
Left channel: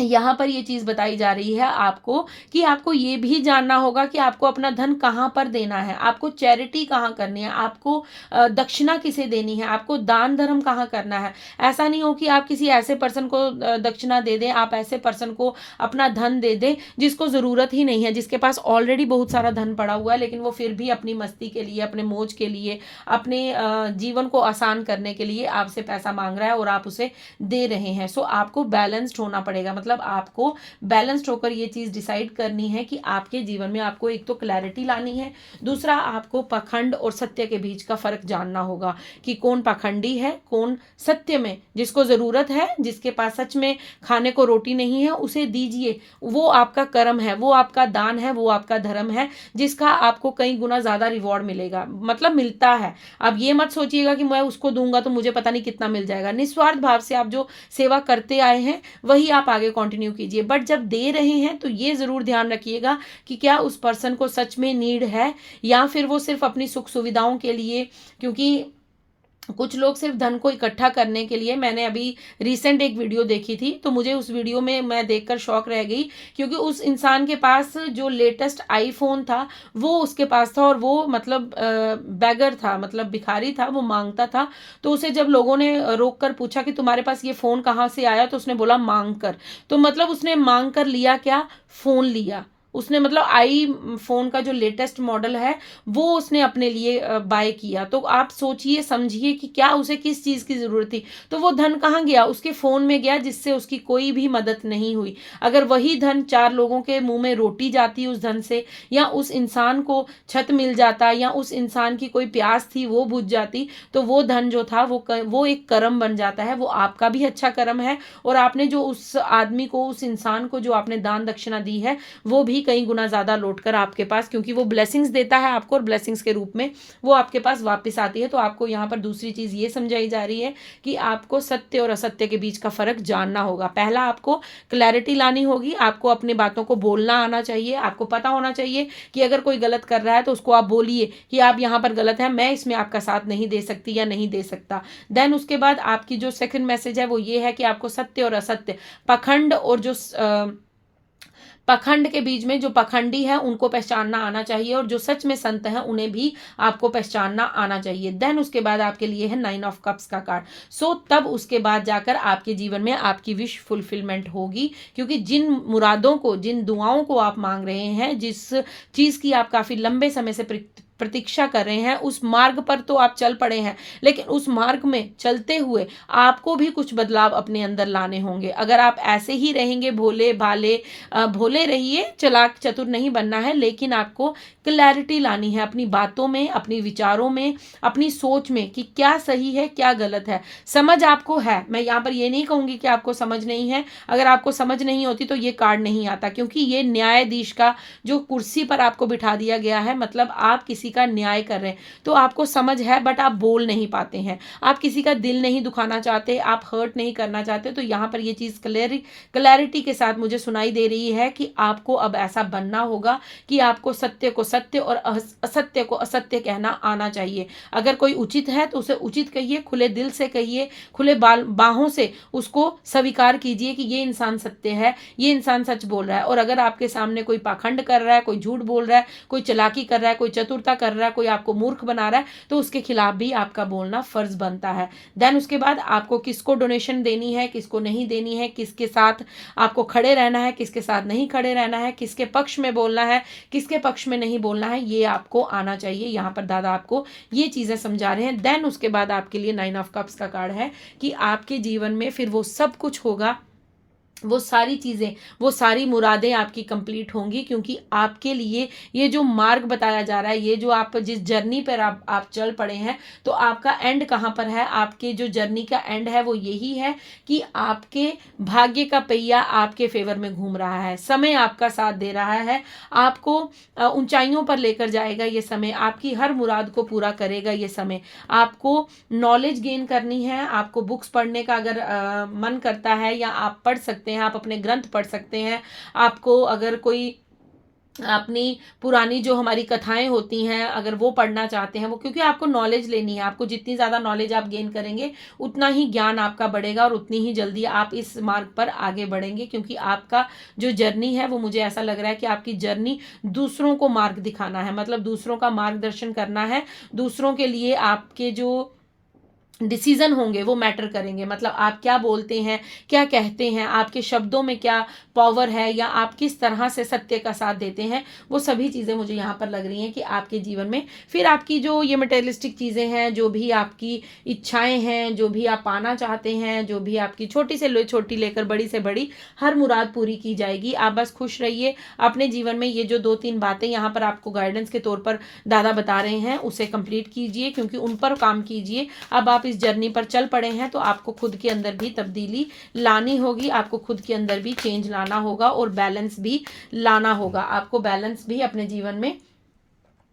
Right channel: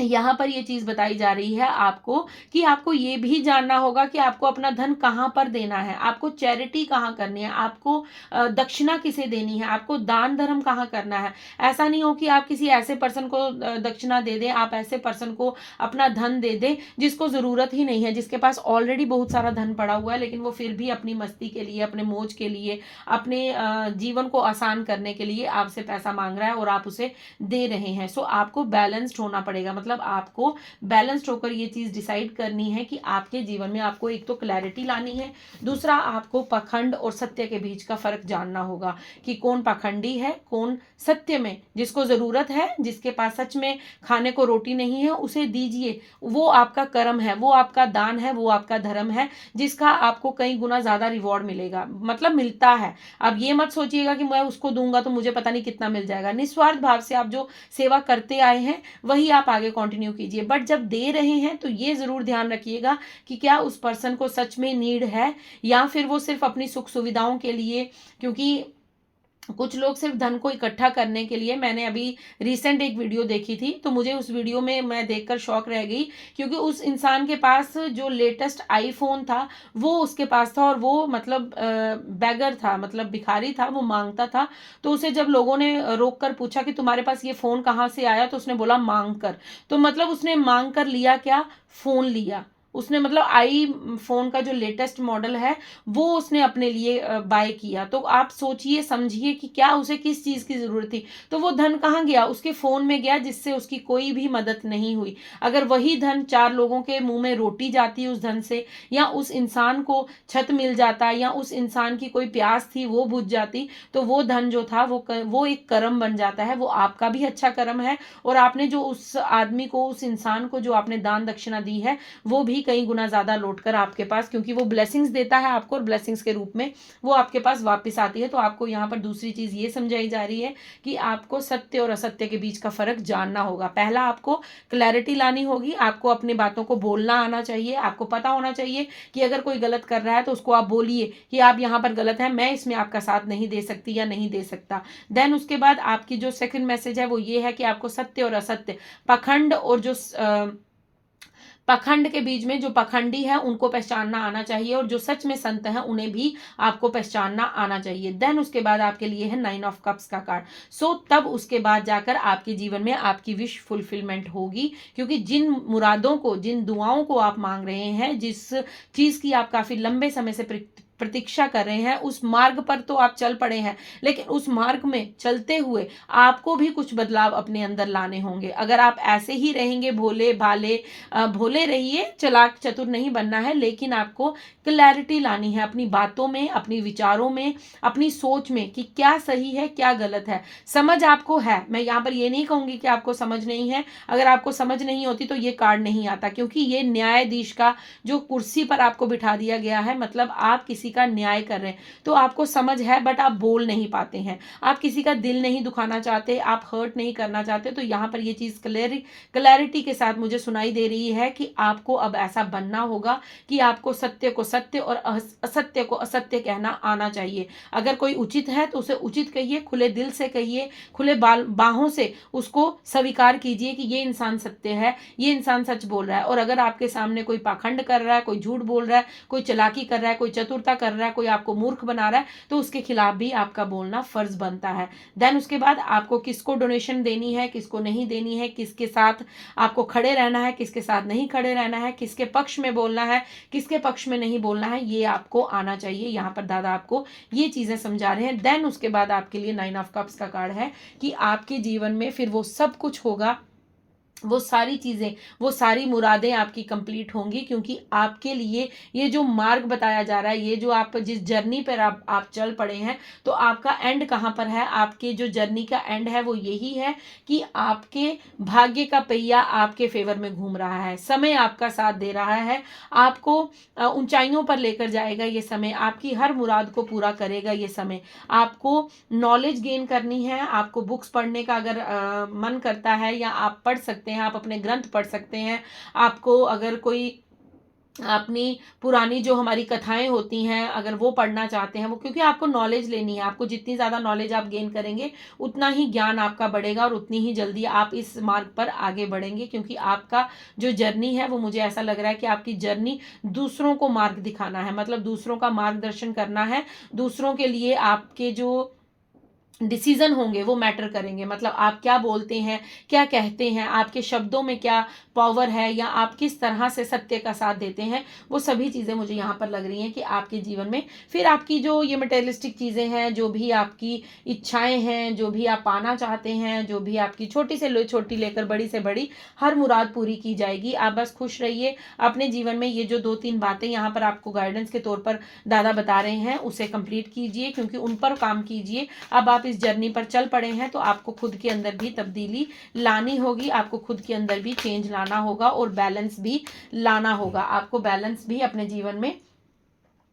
यहाँ पर ये चीज बताई जा रही है आपको कि आपको ये भी जानना होगा कि आपको अपना धन कहाँ पर देना है, आपको चैरिटी कहाँ करनी है, आपको दक्षिणा किसे देनी है, आपको दान धर्म कहाँ करना है। ऐसा नहीं हो कि आप किसी ऐसे पर्सन को दक्षिणा दे दें, आप ऐसे पर्सन को अपना धन दे दें जिसको जरूरत ही नहीं है, जिसके पास ऑलरेडी बहुत सारा धन पड़ा हुआ है, लेकिन वो फिर भी अपनी मस्ती के लिए, अपने मौज के लिए, अपने जीवन को आसान करने के लिए आपसे पैसा मांग रहा है और आप उसे दे रहे हैं। सो आपको बैलेंस्ड होना पड़ेगा, मतलब आपको बैलेंस्ड होकर ये चीज डिसाइड करनी है कि आपके जीवन में आपको एक तो क्लैरिटी लानी है, दूसरा आपको पाखंड और सत्य के बीच का फर्क जानना होगा कि कौन पाखंडी है, कौन सत्य में, जिसको जरूरत है, जिसके पास सच में खाने को रोटी नहीं है उसे दीजिए, वो आपका कर्म है, वो आपका दान है, वो आपका धर्म है, जिसका आपको कई गुना ज्यादा रिवॉर्ड मिलेगा, मतलब मिलता है। अब ये मत सोचिएगा कि मैं उसको दूंगा तो मुझे पता नहीं कितना मिल जाएगा। निस्वार्थ भाव से आप जो सेवा करते आए हैं वही आप आगे कंटिन्यू कीजिए। बट जब दे रहे हैं तो ये जरूर ध्यान रखिएगा कि क्या उस पर्सन को सच में नीड है या फिर वो सिर्फ अपनी सुख सुविधाओं के लिए, क्योंकि कुछ लोग सिर्फ धन को इकट्ठा करने के लिए, मैंने अभी रिसेंट एक वीडियो देखी थी, तो मुझे उस वीडियो में मैं देखकर शॉक रह गई, क्योंकि उस इंसान के पास जो लेटेस्ट आईफोन था वो उसके पास था, और वो मतलब बैगर था, मतलब भिखारी था, वो मांगता था। तो उसे जब लोगों ने रोक कर पूछा कि तुम्हारे पास ये फ़ोन कहाँ से आया, तो उसने बोला मांग कर। तो मतलब उसने मांग कर लिया क्या, फ़ोन लिया उसने, मतलब आई फोन का जो लेटेस्ट मॉडल है वो उसने अपने लिए बाय किया। तो आप सोचिए समझिए कि क्या उसे किस चीज़ की ज़रूरत थी। तो वो धन कहाँ गया, उसके फ़ोन में गया, जिससे उसकी कोई भी मदद नहीं हुई। अगर वही धन 4 लोगों के मुंह में रोटी जाती उस धन से, या उस इंसान को छत मिल जाता, या उस इंसान की कोई प्यास थी वो बुझ जाती, तो वो धन जो था वो एक कर्म बन जाता है, वो आपका भी अच्छा कर्म है। और आपने जो उस आदमी को, उस इंसान को जो आपने दान दक्षिणा दी है, वो भी कई गुना ज़्यादा लौट कर आपके पास, क्योंकि वो ब्लेसिंग्स देता है आपको, और ब्लेसिंग्स के रूप में वो आपके पास वापस आती है। तो आपको यहाँ पर दूसरी चीज़ ये समझाई जा रही है कि आपको सत्य और असत्य के बीच का फ़र्क जानना होगा। पहला आपको क्लैरिटी लानी होगी, आपको अपनी बातों को बोलना आना चाहिए, आपको पता होना चाहिए कि अगर कोई गलत कर रहा है तो उसको आप बोलिए कि आप यहाँ पर गलत है, मैं इसमें आपका साथ नहीं दे सकती या नहीं दे सकता। देन उसके बाद आपकी जो सेकंड मैसेज है वो ये है कि आपको सत्य और असत्य, पखंड और जो पखंड के बीच में जो पखंडी है उनको पहचानना आना चाहिए, और जो सच में संत है उन्हें भी आपको पहचानना आना चाहिए। देन उसके बाद आपके लिए है 9 ऑफ कप्स का कार्ड। सो तब उसके बाद जाकर आपके जीवन में आपकी विश फुलफिलमेंट होगी, क्योंकि जिन मुरादों को, जिन दुआओं को आप मांग रहे हैं, जिस चीज़ की आप काफ़ी लंबे समय से प्रतीक्षा कर रहे हैं, उस मार्ग पर तो आप चल पड़े हैं, लेकिन उस मार्ग में चलते हुए आपको भी कुछ बदलाव अपने अंदर लाने होंगे। अगर आप ऐसे ही रहेंगे भोले भाले, भोले रहिए, चालाक चतुर नहीं बनना है, लेकिन आपको क्लैरिटी लानी है अपनी बातों में, अपनी विचारों में, अपनी सोच में, कि क्या सही है क्या गलत है। समझ आपको है, मैं यहाँ पर ये नहीं कहूँगी कि आपको समझ नहीं है। अगर आपको समझ नहीं होती तो ये कार्ड नहीं आता, क्योंकि ये न्यायाधीश का जो कुर्सी पर आपको बिठा दिया गया है, मतलब आप किसी का न्याय कर रहे हैं। तो आपको समझ है, बट आप बोल नहीं पाते हैं, आप किसी का दिल नहीं दुखाना चाहते, आप हर्ट नहीं करना चाहते। तो यहाँ पर ये चीज़ क्लैरिटी के साथ मुझे सुनाई दे रही है कि आपको अब ऐसा बनना होगा कि आपको सत्य को सत्य और असत्य को असत्य कहना आना चाहिए। अगर कोई उचित है तो उसे उचित कहिए, खुले दिल से कहिए, खुले बाहों से उसको स्वीकार कीजिए कि ये इंसान सत्य है, ये इंसान सच बोल रहा है। और अगर आपके सामने कोई पाखंड कर रहा है, कोई झूठ बोल रहा है, कोई चालाकी कर रहा है, कोई चतुरता कर रहा है, कोई आपको मूर्ख बना रहा है, तो उसके खिलाफ भी आपका बोलना फर्ज बनता है। देन उसके बाद आपको किसको डोनेशन देनी है, किसको नहीं देनी है, किसके साथ आपको खड़े रहना है, किसके साथ नहीं खड़े रहना है, किसके पक्ष में बोलना है, किसके पक्ष में नहीं बोलना है, ये आपको आना चाहिए। यहाँ पर दादा आपको ये चीज़ें समझा रहे हैं। देन उसके बाद आपके लिए 9 ऑफ कप्स का कार्ड है कि आपके जीवन में फिर वो सब कुछ होगा, वो सारी चीज़ें, वो सारी मुरादें आपकी कंप्लीट होंगी, क्योंकि आपके लिए ये जो मार्ग बताया जा रहा है, ये जो आप जिस जर्नी पर आप चल पड़े हैं, तो आपका एंड कहाँ पर है, आपके जो जर्नी का एंड है वो यही है कि आपके भाग्य का पहिया आपके फेवर में घूम रहा है, समय आपका साथ दे रहा है, आपको ऊंचाइयों पर लेकर जाएगा ये समय, आपकी हर मुराद को पूरा करेगा ये समय। आपको नॉलेज गेन करनी है, आपको बुक्स पढ़ने का अगर मन करता है, या आप पढ़ सकते हैं, आप अपने ग्रंथ पढ़ सकते हैं। आपको अगर कोई अपनी पुरानी जो हमारी कथाएं होती हैं अगर वो पढ़ना चाहते हैं, वो, क्योंकि आपको नॉलेज लेनी है, आपको जितनी ज़्यादा नॉलेज आप गेन करेंगे उतना ही ज्ञान आपका बढ़ेगा, और उतनी ही जल्दी आप इस मार्ग पर आगे बढ़ेंगे। क्योंकि आपका जो जर्नी है वो, मुझे ऐसा लग रहा है कि आपकी जर्नी दूसरों को मार्ग दिखाना है, मतलब दूसरों का मार्गदर्शन करना है, दूसरों के लिए आपके जो डिसीजन होंगे वो मैटर करेंगे, मतलब आप क्या बोलते हैं, क्या कहते हैं, आपके शब्दों में क्या पावर है, या आप किस तरह से सत्य का साथ देते हैं, वो सभी चीज़ें मुझे यहाँ पर लग रही हैं कि आपके जीवन में फिर आपकी जो ये मटेरियलिस्टिक चीज़ें हैं, जो भी आपकी इच्छाएं हैं, जो भी आप पाना चाहते हैं, जो भी आपकी छोटी से छोटी लेकर बड़ी से बड़ी हर मुराद पूरी की जाएगी। आप बस खुश रहिए अपने जीवन में। ये जो 2-3 बातें यहाँ पर आपको गाइडेंस के तौर पर दादा बता रहे हैं उसे कंप्लीट कीजिए, क्योंकि उन पर काम कीजिए। अब आप इस जर्नी पर चल पड़े हैं, तो आपको खुद के अंदर भी तब्दीली लानी होगी, आपको खुद के अंदर भी चेंज लाना होगा, और बैलेंस भी लाना होगा, आपको बैलेंस भी अपने जीवन में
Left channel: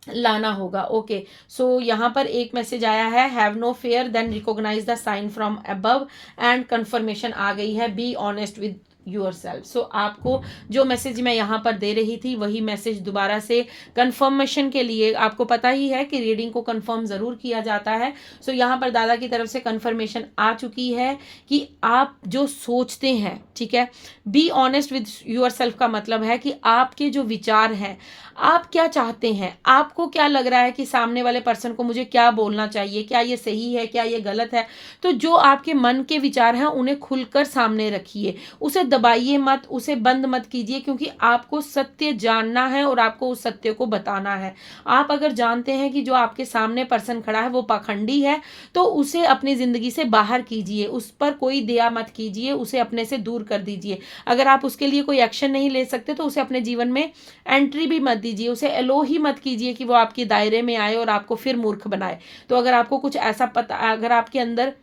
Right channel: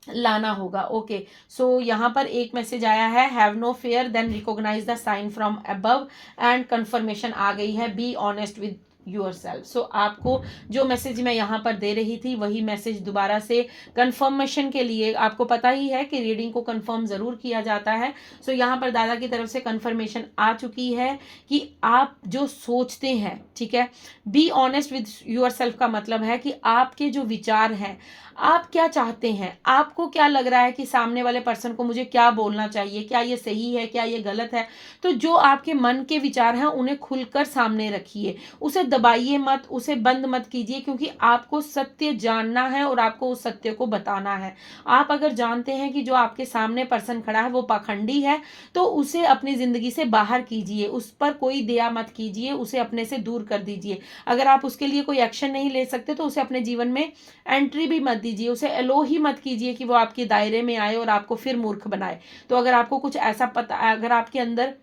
लाना होगा। ओके, सो यहाँ पर एक मैसेज आया है, have no fear then recognise the sign from above, and confirmation आ गई है, be honest with yourself. So आपको जो मैसेज मैं यहाँ पर दे रही थी वही मैसेज दोबारा से कंफर्मेशन के लिए, आपको पता ही है कि रीडिंग को कंफर्म ज़रूर किया जाता है। सो यहाँ पर दादा की तरफ से कंफर्मेशन आ चुकी है कि आप जो सोचते हैं, ठीक है, बी ऑनेस्ट विद योरसेल्फ का मतलब है कि आपके जो विचार हैं, आप क्या चाहते हैं, आपको क्या लग रहा है कि सामने वाले पर्सन को मुझे क्या बोलना चाहिए, क्या ये सही है, क्या ये गलत है। तो जो आपके मन के विचार हैं उन्हें खुलकर सामने रखिए, उसे दबाइए मत, उसे बंद मत कीजिए, क्योंकि आपको सत्य जानना है और आपको उस सत्य को बताना है। आप अगर जानते हैं कि जो आपके सामने पर्सन खड़ा है वो पाखंडी है, तो उसे अपनी जिंदगी से बाहर कीजिए, उस पर कोई दया मत कीजिए, उसे अपने से दूर कर दीजिए। अगर आप उसके लिए कोई एक्शन नहीं ले सकते तो उसे अपने जीवन में एंट्री भी मत दीजिए, उसे एलो ही मत कीजिए कि वो आपके दायरे में आए और आपको फिर मूर्ख बनाए। तो अगर आपको कुछ ऐसा पता, अगर आपके अंदर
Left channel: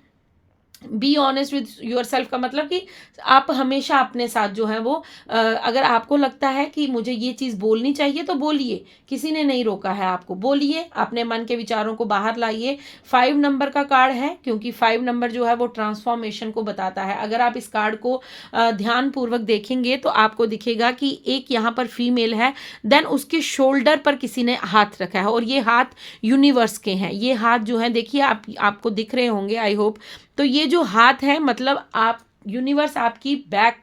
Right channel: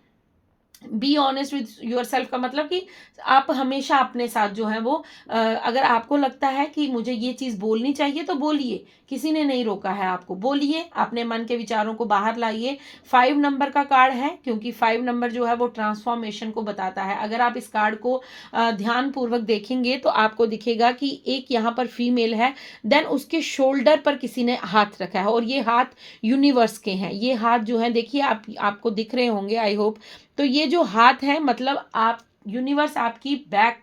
B honest with your self का मतलब कि आप हमेशा अपने साथ जो है वो अगर आपको लगता है कि मुझे ये चीज़ बोलनी चाहिए तो बोलिए, किसी ने नहीं रोका है आपको, बोलिए, अपने मन के विचारों को बाहर लाइए। 5 नंबर का कार्ड है, क्योंकि 5 नंबर जो है वो ट्रांसफॉर्मेशन को बताता है। अगर आप इस कार्ड को ध्यानपूर्वक देखेंगे तो आपको दिखेगा कि एक यहाँ पर फीमेल है, देन उसके शोल्डर पर किसी ने हाथ रखा है और ये हाथ यूनिवर्स के हैं। ये हाथ जो है देखिए आपको दिख रहे होंगे, आई होप। तो ये जो हाथ है मतलब आप, यूनिवर्स आपकी बैक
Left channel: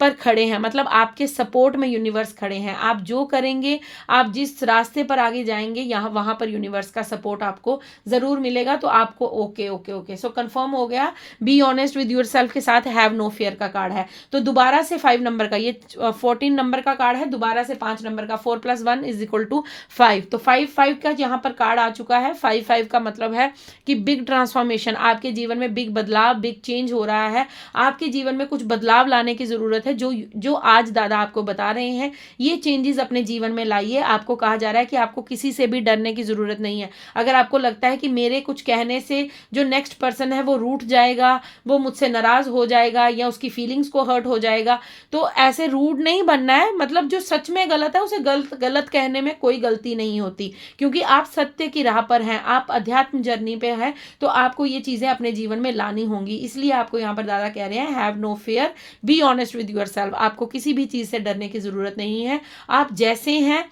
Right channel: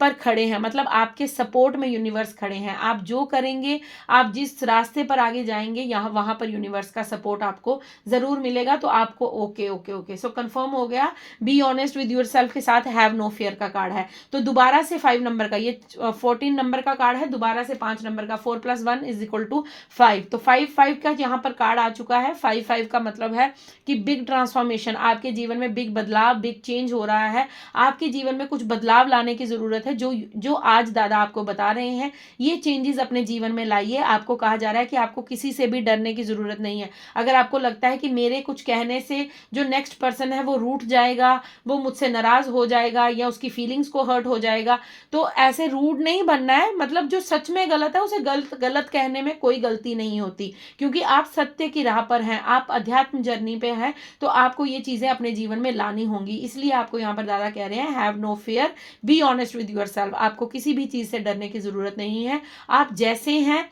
पर खड़े हैं, मतलब आपके सपोर्ट में यूनिवर्स खड़े हैं। आप जो करेंगे, आप जिस रास्ते पर आगे जाएंगे, यहाँ वहां पर यूनिवर्स का सपोर्ट आपको जरूर मिलेगा। तो आपको ओके ओके ओके, सो कंफर्म हो गया। बी ऑनेस्ट विद योरसेल्फ के साथ हैव नो फियर का कार्ड है। तो दोबारा से 5 नंबर का, ये 14 नंबर का कार्ड है, दोबारा से 5 नंबर का, 4 + 1 = 5। तो 5 का यहाँ पर कार्ड आ चुका है। 5 का मतलब है कि बिग ट्रांसफॉर्मेशन, आपके जीवन में बिग बदलाव, बिग चेंज हो रहा है। आपके जीवन में कुछ बदलाव लाने की जरूरत है। जो आज दादा आपको बता रहे हैं, ये चेंजेस अपने जीवन में लाइए। आपको कहा जा रहा है कि आपको किसी से भी डरने की जरूरत नहीं है। अगर आपको लगता है कि मेरे कुछ कहने से जो नेक्स्ट पर्सन है वो रूठ जाएगा, वो मुझसे नाराज हो जाएगा या उसकी फीलिंग्स को हर्ट हो जाएगा, तो ऐसे रूड नहीं बनना है। मतलब जो सच में गलत है उसे गलत कहने में कोई गलती नहीं होती, क्योंकि आप सत्य की राह पर हैं, आप अध्यात्म जर्नी पे हैं। तो आपको ये चीजें अपने जीवन में लानी होंगी। इसलिए आपको यहाँ पर दादा कह रहे हैं have no fear, be honest with yourself. आपको किसी भी चीज से डरने की जरूरत नहीं है। आप जैसे हैं,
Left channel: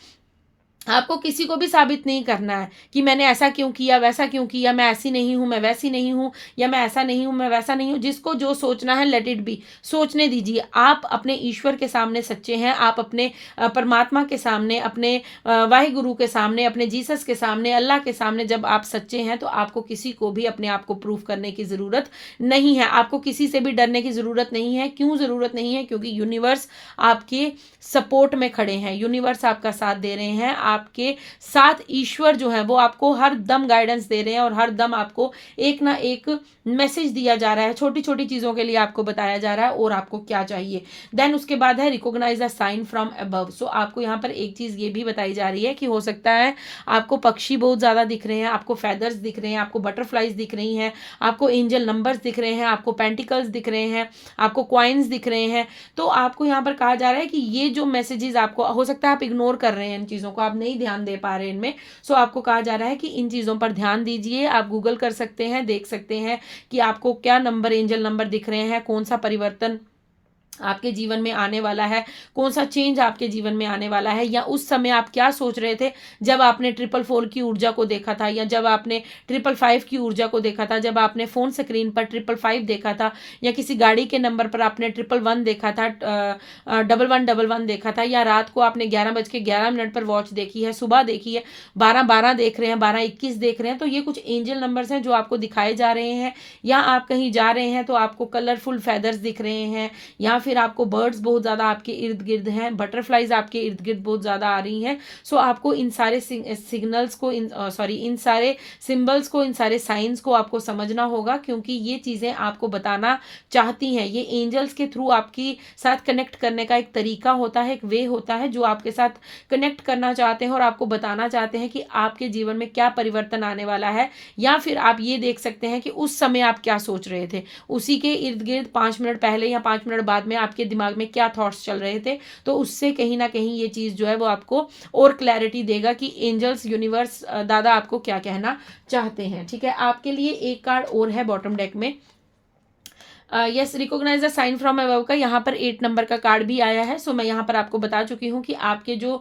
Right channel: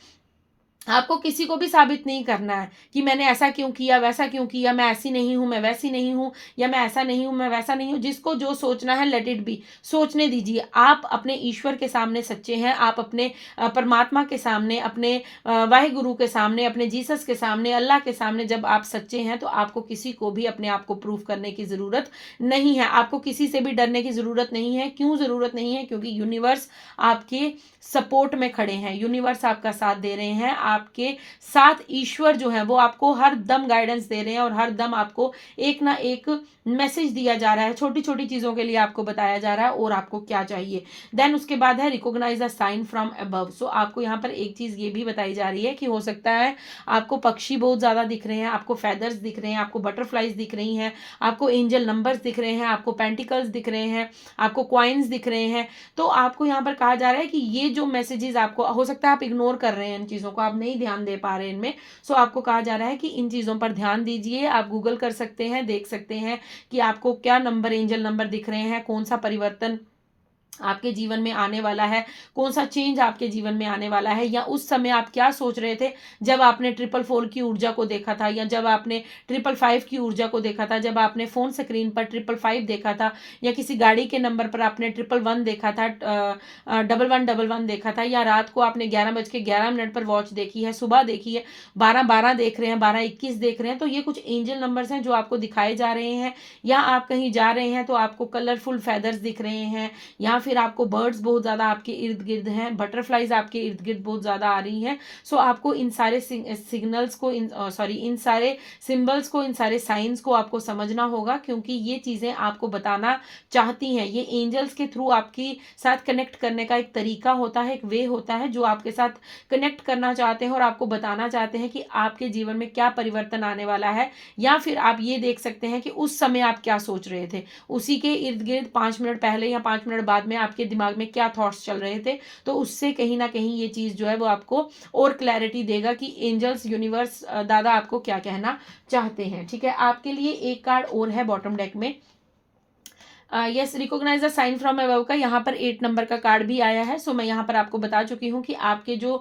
आपको किसी को भी साबित नहीं करना है कि मैंने ऐसा क्यों किया, वैसा क्यों किया, मैं ऐसी नहीं हूं, मैं वैसी नहीं हूं, या मैं ऐसा नहीं हूं, मैं वैसा नहीं हूं। जिसको जो सोचना है लेट इट बी, सोचने दीजिए। आप अपने ईश्वर के सामने सच्चे हैं, आप अपने परमात्मा के सामने, अपने वाहिगुरु के सामने, अपने जीसस के सामने, अल्लाह के सामने जब आप सच्चे हैं तो आपको किसी को भी अपने आप को प्रूव करने की जरूरत नहीं है। आपको किसी से भी डरने की जरूरत नहीं है। क्यों जरूरत नहीं है? क्योंकि यूनिवर्स आपके सपोर्ट में खड़े हैं, यूनिवर्स आपका साथ दे रहे हैं, आपके साथ ईश्वर जो है वो आपको हर दम गाइडेंस दे रहे हैं और हर दम आपको एक ना एक मैसेज दिया जा रहा है। छोटी छोटी चीजों के लिए आपको बताया जा रहा है और आपको क्या चाहिए। देन उसके बाद है recognise the sign from above. So आपको यहाँ पर एक चीज ये भी बताई जा रही है कि हो सकता है आपको पक्षी बहुत ज्यादा दिख रहे हैं, आपको फेदर्स दिख रहे हैं, आपको बटरफ्लाइज दिख रही हैं, आपको एंजल नंबर्स दिख रहे हैं, आपको पेंटिकल्स दिख रहे हैं, आपको क्वाइंस दिख रहे हैं। तो आपको यहाँ पर कहा जा रहा है कि ये जो मैसेजेस, आपको हो सकता है आप इग्नोर कर रहे हैं इन चीजों को, आप नहीं ध्यान दे पा रहे हैं इनमें। सो आपको कहा जा रहा है कि इन चीजों पर ध्यान दीजिए। आप गूगल कर सकते हैं, देख सकते हैं कि आपको क्या नंबर, एंजल नंबर दिख रहे हैं, कौन सा परिवर्तन आपके जीवन में आने वाला है, कौन सा चेंज आपके जीवन में आने वाला है, या उस समय आप क्या सोच रहे थे जब आपने 444 की ऊर्जा को देखा था, या जब आपने 555 की ऊर्जा को देखा था, जब आपने फोन स्क्रीन पर 555 देखा था, या किसी गाड़ी के नंबर पर आपने 111 देखा था, 1111 देखा था, या रात को आपने 11:11 पर वॉच देखी है, सुबह देखी है, 12:12 देख रहे हैं, 12:21 देख रहे हैं। तो ये कुछ एंजल नंबर्स हैं जो आपको दिखाए जा रहे हैं। या आप कहीं जा रहे हैं तो आपको कलरफुल फेदर्स दिख रहे हैं, या फिर आपको बर्ड्स बहुत ज़्यादा आपके इर्द गिर्द हैं, बटरफ्लाइज आपके इर्द गिर्द बहुत ज़्यादा आ रही हैं। सो आपको इन सारे सिग्नल्स को, इन सारे सिंबल्स को, इन सारे साइंस को आपको समझना होगा, क्योंकि ये चीज़ें आपको बताना चाहती हैं। ये एंजल्स के थ्रू आपकी साथ कनेक्ट करने का एक तरीका होता है, एक वे होता है जो आपके साथ कनेक्ट करना चाहते हैं और आपको बताना चाहते हैं कि आपके जीवन में क्या परिवर्तन आने वाला है। या फिर आप ये देख सकते हैं कि उस समय आप क्या सोच रहे थे, उसी के इर्द गिर्द 5 मिनट पहले या 5 मिनट बाद में आपके दिमाग में क्या थॉट्स चल रहे थे। तो उससे कहीं ना कहीं ये चीज जो है वो आपको और क्लैरिटी देगा कि एंजल्स, यूनिवर्स, दादा आपको क्या कहना चाहते हैं। ठीक है, आपके लिए एक कार्ड और है बॉटम डेक में, yes, recognise the sign from above का यहाँ पर 8 नंबर का कार्ड भी आया है। सो मैं यहाँ पर आपको बता चुकी हूँ कि आपके जो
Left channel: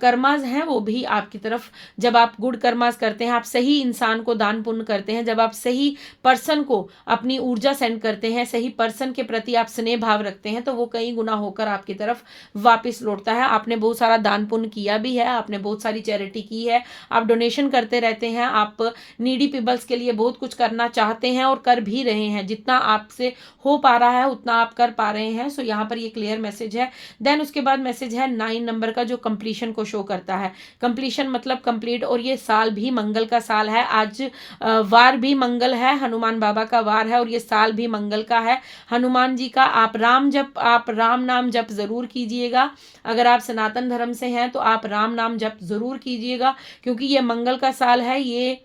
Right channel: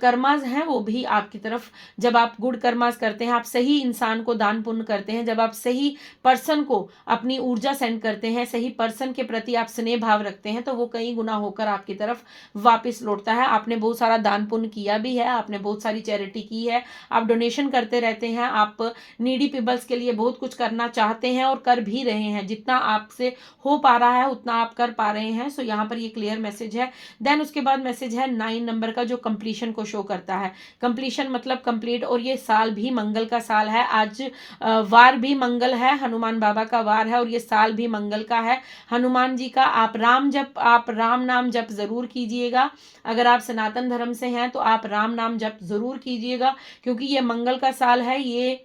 कर्मास हैं वो भी आपकी तरफ, जब आप गुड कर्मास करते हैं, आप सही इंसान को दान पुण्य करते हैं, जब आप सही पर्सन को अपनी ऊर्जा सेंड करते हैं, सही पर्सन के प्रति आप स्नेह भाव रखते हैं, तो वो कई गुना होकर आपकी तरफ वापस लौटता है। आपने बहुत सारा दान पुण्य किया भी है, आपने बहुत सारी चैरिटी की है, आप डोनेशन करते रहते हैं, आप नीडी पीपल्स के लिए बहुत कुछ करना चाहते हैं और कर भी रहे हैं। जितना आपसे हो पा रहा है उतना आप कर पा रहे हैं। सो यहाँ पर ये क्लियर मैसेज है। देन उसके बाद मैसेज है 9 नंबर का, जो कंप्लीशन को शो करता है। कंप्लीशन मतलब कंप्लीट, और ये साल भी मंगल का साल है। आज वार भी मंगल है, हनुमान बाबा का वार है, और ये साल भी मंगल का है, हनुमान जी का। आप राम नाम जप जरूर कीजिएगा। अगर आप सनातन धर्म से हैं तो आप राम नाम जप जरूर कीजिएगा, क्योंकि ये मंगल का साल है। ये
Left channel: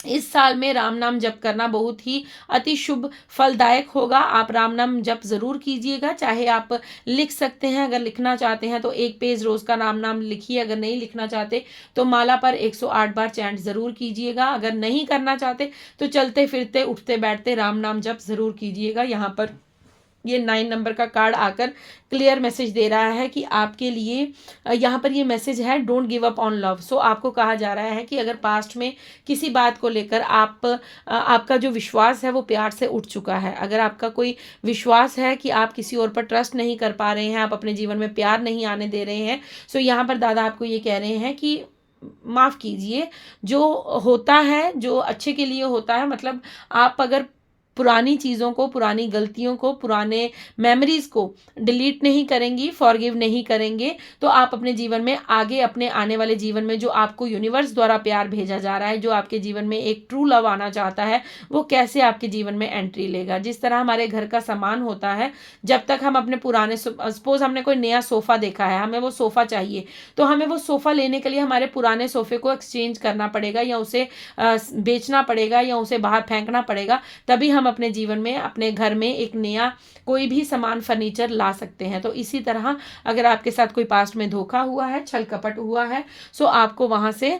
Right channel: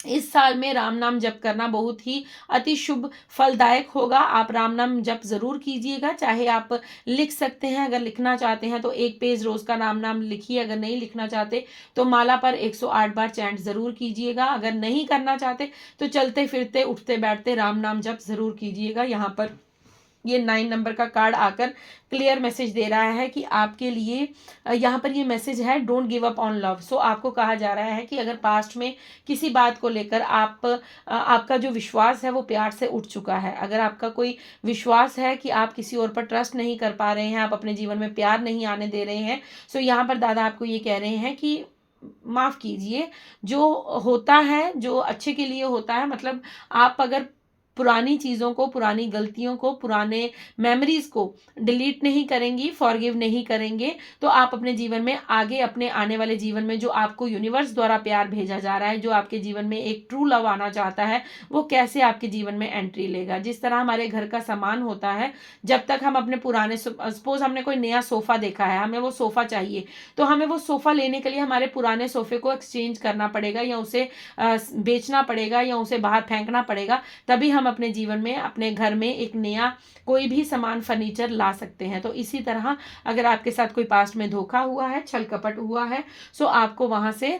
इस साल में राम नाम जप करना बहुत ही अति शुभ फलदायक होगा। आप राम नाम जप जरूर कीजिएगा। चाहे आप लिख सकते हैं, अगर लिखना चाहते हैं तो 1 पेज रोज का राम नाम लिखिए। अगर नहीं लिखना चाहते तो माला पर 108 बार चैंट जरूर कीजिएगा। अगर नहीं करना चाहते तो चलते फिरते उठते बैठते राम नाम जप जरूर कीजिएगा। यहाँ पर ये 9 नंबर का कार्ड आकर क्लियर मैसेज दे रहा है कि आपके लिए यहाँ पर ये मैसेज है, don't give up on love. So आपको कहा जा रहा है कि अगर पास्ट में किसी बात को लेकर आपका जो विश्वास है वो प्यार से उठ चुका है, अगर आपका कोई विश्वास है कि आप किसी और पर ट्रस्ट नहीं कर पा रहे हैं, आप अपने जीवन में प्यार नहीं आने दे रहे हैं, सो यहाँ पर दादा आपको ये कह रहे हैं कि माफ़ कीजिए। जो होता है जो अच्छे के लिए होता है, मतलब आप अगर पुरानी चीज़ों को, पुरानी गलतियों को, पुराने मेमोरीज को डिलीट नहीं करेंगी, फॉरगिव नहीं करेंगे, तो आप अपने जीवन में आगे, अपने आने वाले जीवन में जो आपको यूनिवर्स द्वारा प्यार भेजा जा रहा है, जो आपके जीवन में एक ट्रू लव आना चाहता है, वो कैसे आपके जीवन में एंट्री लेगा। जिस तरह हमारे घर का सामान होता है, जब तक हम अपने पुराने, सपोज हमने कोई नया सोफ़ा देखा है, हमें वो सोफ़ा चाहिए, तो हमें वो सोफ़ा लेने के लिए हमारे पुराने सोफ़े को एक्सचेंज करना पड़ेगा, या उसे बेचना पड़ेगा, या उसे बाहर फेंकना पड़ेगा, तभी हम अपने जीवन में, अपने घर में एक नया कोई भी सामान, फर्नीचर ला सकते हैं। तो इसी तरह अगर आपके साथ कोई पास्ट में धोखा हुआ है, छल कपट हुआ है, सो आपको वहां से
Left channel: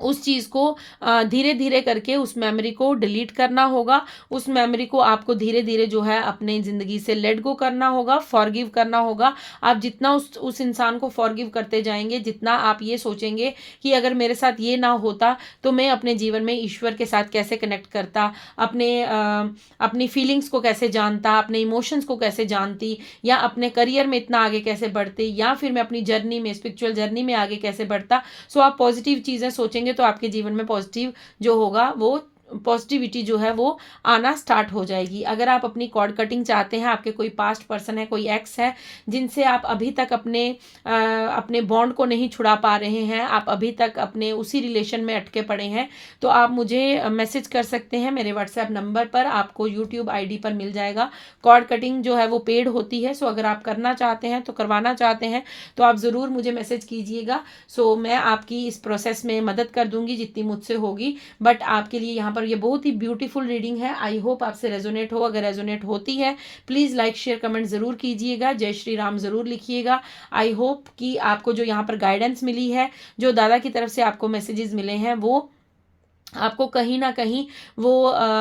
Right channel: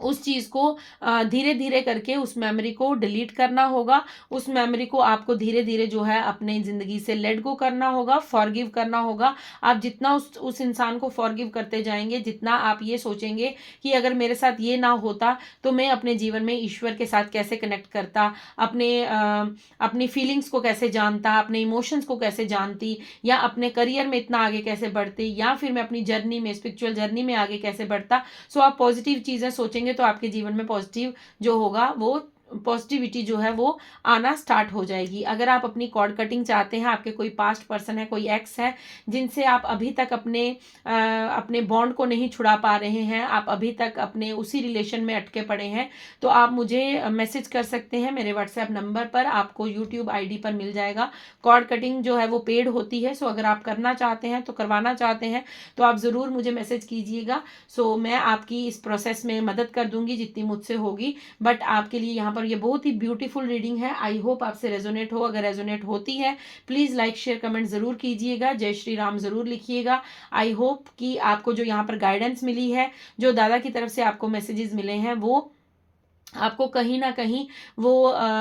उस चीज़ को धीरे धीरे करके उस मेमोरी को डिलीट करना होगा। उस मेमोरी को आपको धीरे धीरे जो है अपनी ज़िंदगी से लेट गो करना होगा, फॉरगिव करना होगा। आप जितना उस इंसान को फॉरगिव करते जाएंगे, जितना आप ये सोचेंगे कि अगर मेरे साथ ये ना होता तो मैं अपने जीवन में ईश्वर के साथ कैसे कनेक्ट करता, अपनी फीलिंग्स को कैसे जानता, अपने इमोशंस को कैसे जानती, या अपने करियर में इतना आगे कैसे बढ़ती, या फिर मैं अपनी जर्नी में, स्पिरिचुअल जर्नी में आगे कैसे बढ़ता। सो आप पॉजिटिव चीज़ें सोचेंगे तो आपके जीवन में पॉजिटिव जो होगा, वो पॉजिटिविटी जो है वो आना स्टार्ट हो जाएगी। अगर आप अपनी कॉर्ड कटिंग चाहते हैं, आपके कोई पास्ट पर्सन है, कोई एक्स है जिनसे आप अभी तक अपने बॉन्ड को नहीं छुड़ा पा रहे हैं, आप अभी तक अपने उसी रिलेशन में अटके पड़े हैं, तो आप मुझे मैसेज कर सकते हैं मेरे व्हाट्सएप नंबर पर। आपको यूट्यूब आईडी पर मिल जाएगा। कॉर्ड कटिंग जो है वो पेड होती है। सो अगर आप करना चाहते हैं, तो करवाना चाहते हैं, तो आप ज़रूर मुझे मैसेज कीजिएगा। सो मैं आपकी इस प्रोसेस में मदद कर दूंगी जितनी मुझसे होगी। बट आपके लिए यहाँ पर ये बहुत ही ब्यूटीफुल रीडिंग है। आई होप आपसे रेजोनेट हो। अगर रेजोनेट होती है, प्लीज़ लाइक शेयर कमेंट ज़रूर कीजिएगा, जय श्री राम ज़रूर लिखिएगा। आई होप कि आपको जो यहाँ पर गाइडेंस मिली है, जो दादा की तरफ से आपको मैसेजेस मिले हैं, वो आपको कहीं ना कहीं वो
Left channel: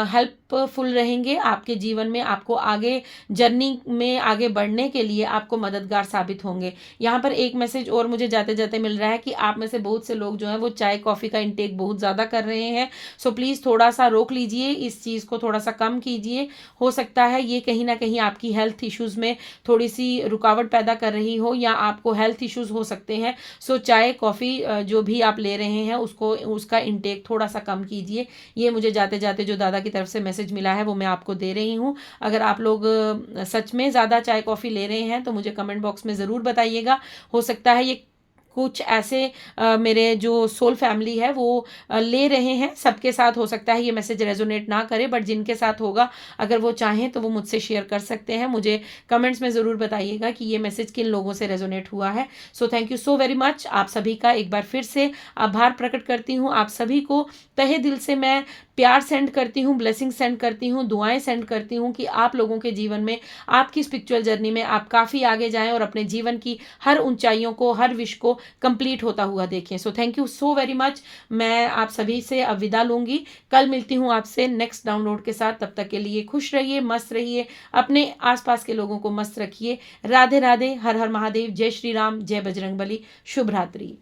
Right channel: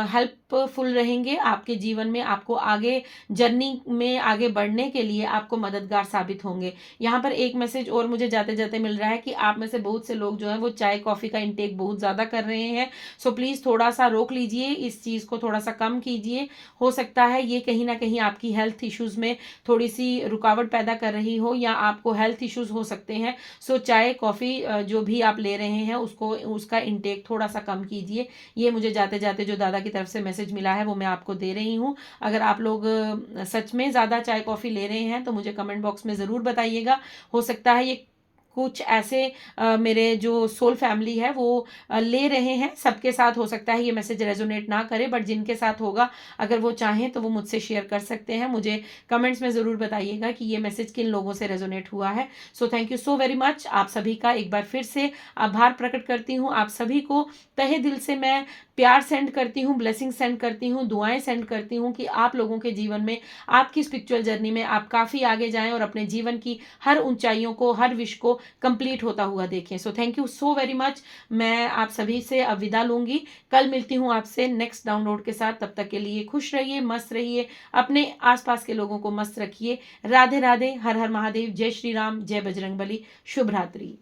हेल्पफुल रहेंगे आपके जीवन में, आपको आगे जर्नी में आगे बढ़ने के लिए आपको मददगार साबित होंगे। यहाँ पर एक मैसेज और मुझे जाते जाते मिल रहा है कि आप में से बहुत से लोग जो हैं वो चाय कॉफ़ी का इंटेक बहुत ज़्यादा कर रहे हैं। सो प्लीज़ थोड़ा सा रोक लीजिए, इस चीज़ को थोड़ा सा कम कीजिए। हो सकता है ये कहीं ना कहीं आपकी हेल्थ इश्यूज़ में थोड़ी सी रुकावट पैदा कर रही हो, या आपको हेल्थ इश्यूज़ हो सकते हैं। सो चाय कॉफ़ी जो भी आप ले रहे हैं उसका इंटेक थोड़ा सा कम कीजिए। ये मुझे जाते जाते जो दादा की तरफ से मैसेज मिला है वो मैं आपको दे रही हूँ। अगर आप लोग सच में ज़्यादा चाय कॉफ़ी ले रहे हैं तो मुझे कमेंट बॉक्स में ज़रूर बताइएगा। हो सकता है ये कुछ ऐसे मेरे जो सोल फैमिली है वो ले रहे हैं, सबके साथ हो सकता है ये मैसेज रेजोनेट ना करे, बट जिनके साथ होगा, अगर वो चाहें तो वो मुझसे शेयर कर सकते हैं। मुझे कमेंट्स में ज़रूर बताइएगा कि ये मैसेज किन लोगों से रेजोनेट हुआ है। So thank you so very much. आप सभी का एक बार फिर से आभार प्रकट करती हूँ। आप सभी को तहे दिल से मैं प्यार सेंड करती हूँ, ब्लेसिंग सेंड करती हूँ, दुआएं सेंड करती हूँ कि आप लोगों के जीवन में, आपकी स्पिरिचुअल जर्नी में आप काफ़ी आगे जाएं और अपने जीवन की हर ऊंचाइयों को, हर विश को कंप्लीट होता हुआ देखें। So thank you so very much. मैं आप सभी से अब विदा लूंगी। कल मिलती हूँ आपसे नेक्स्ट डाउनलोड के साथ। तब तक के लिए खुश रहिए, मस्त रहिए, अपने आसपास के लोगों को मस्त रखिए। राधे राधे, हर हर महादेव, जय श्री राम, जय बजरंगबली, शुभ रात्रि।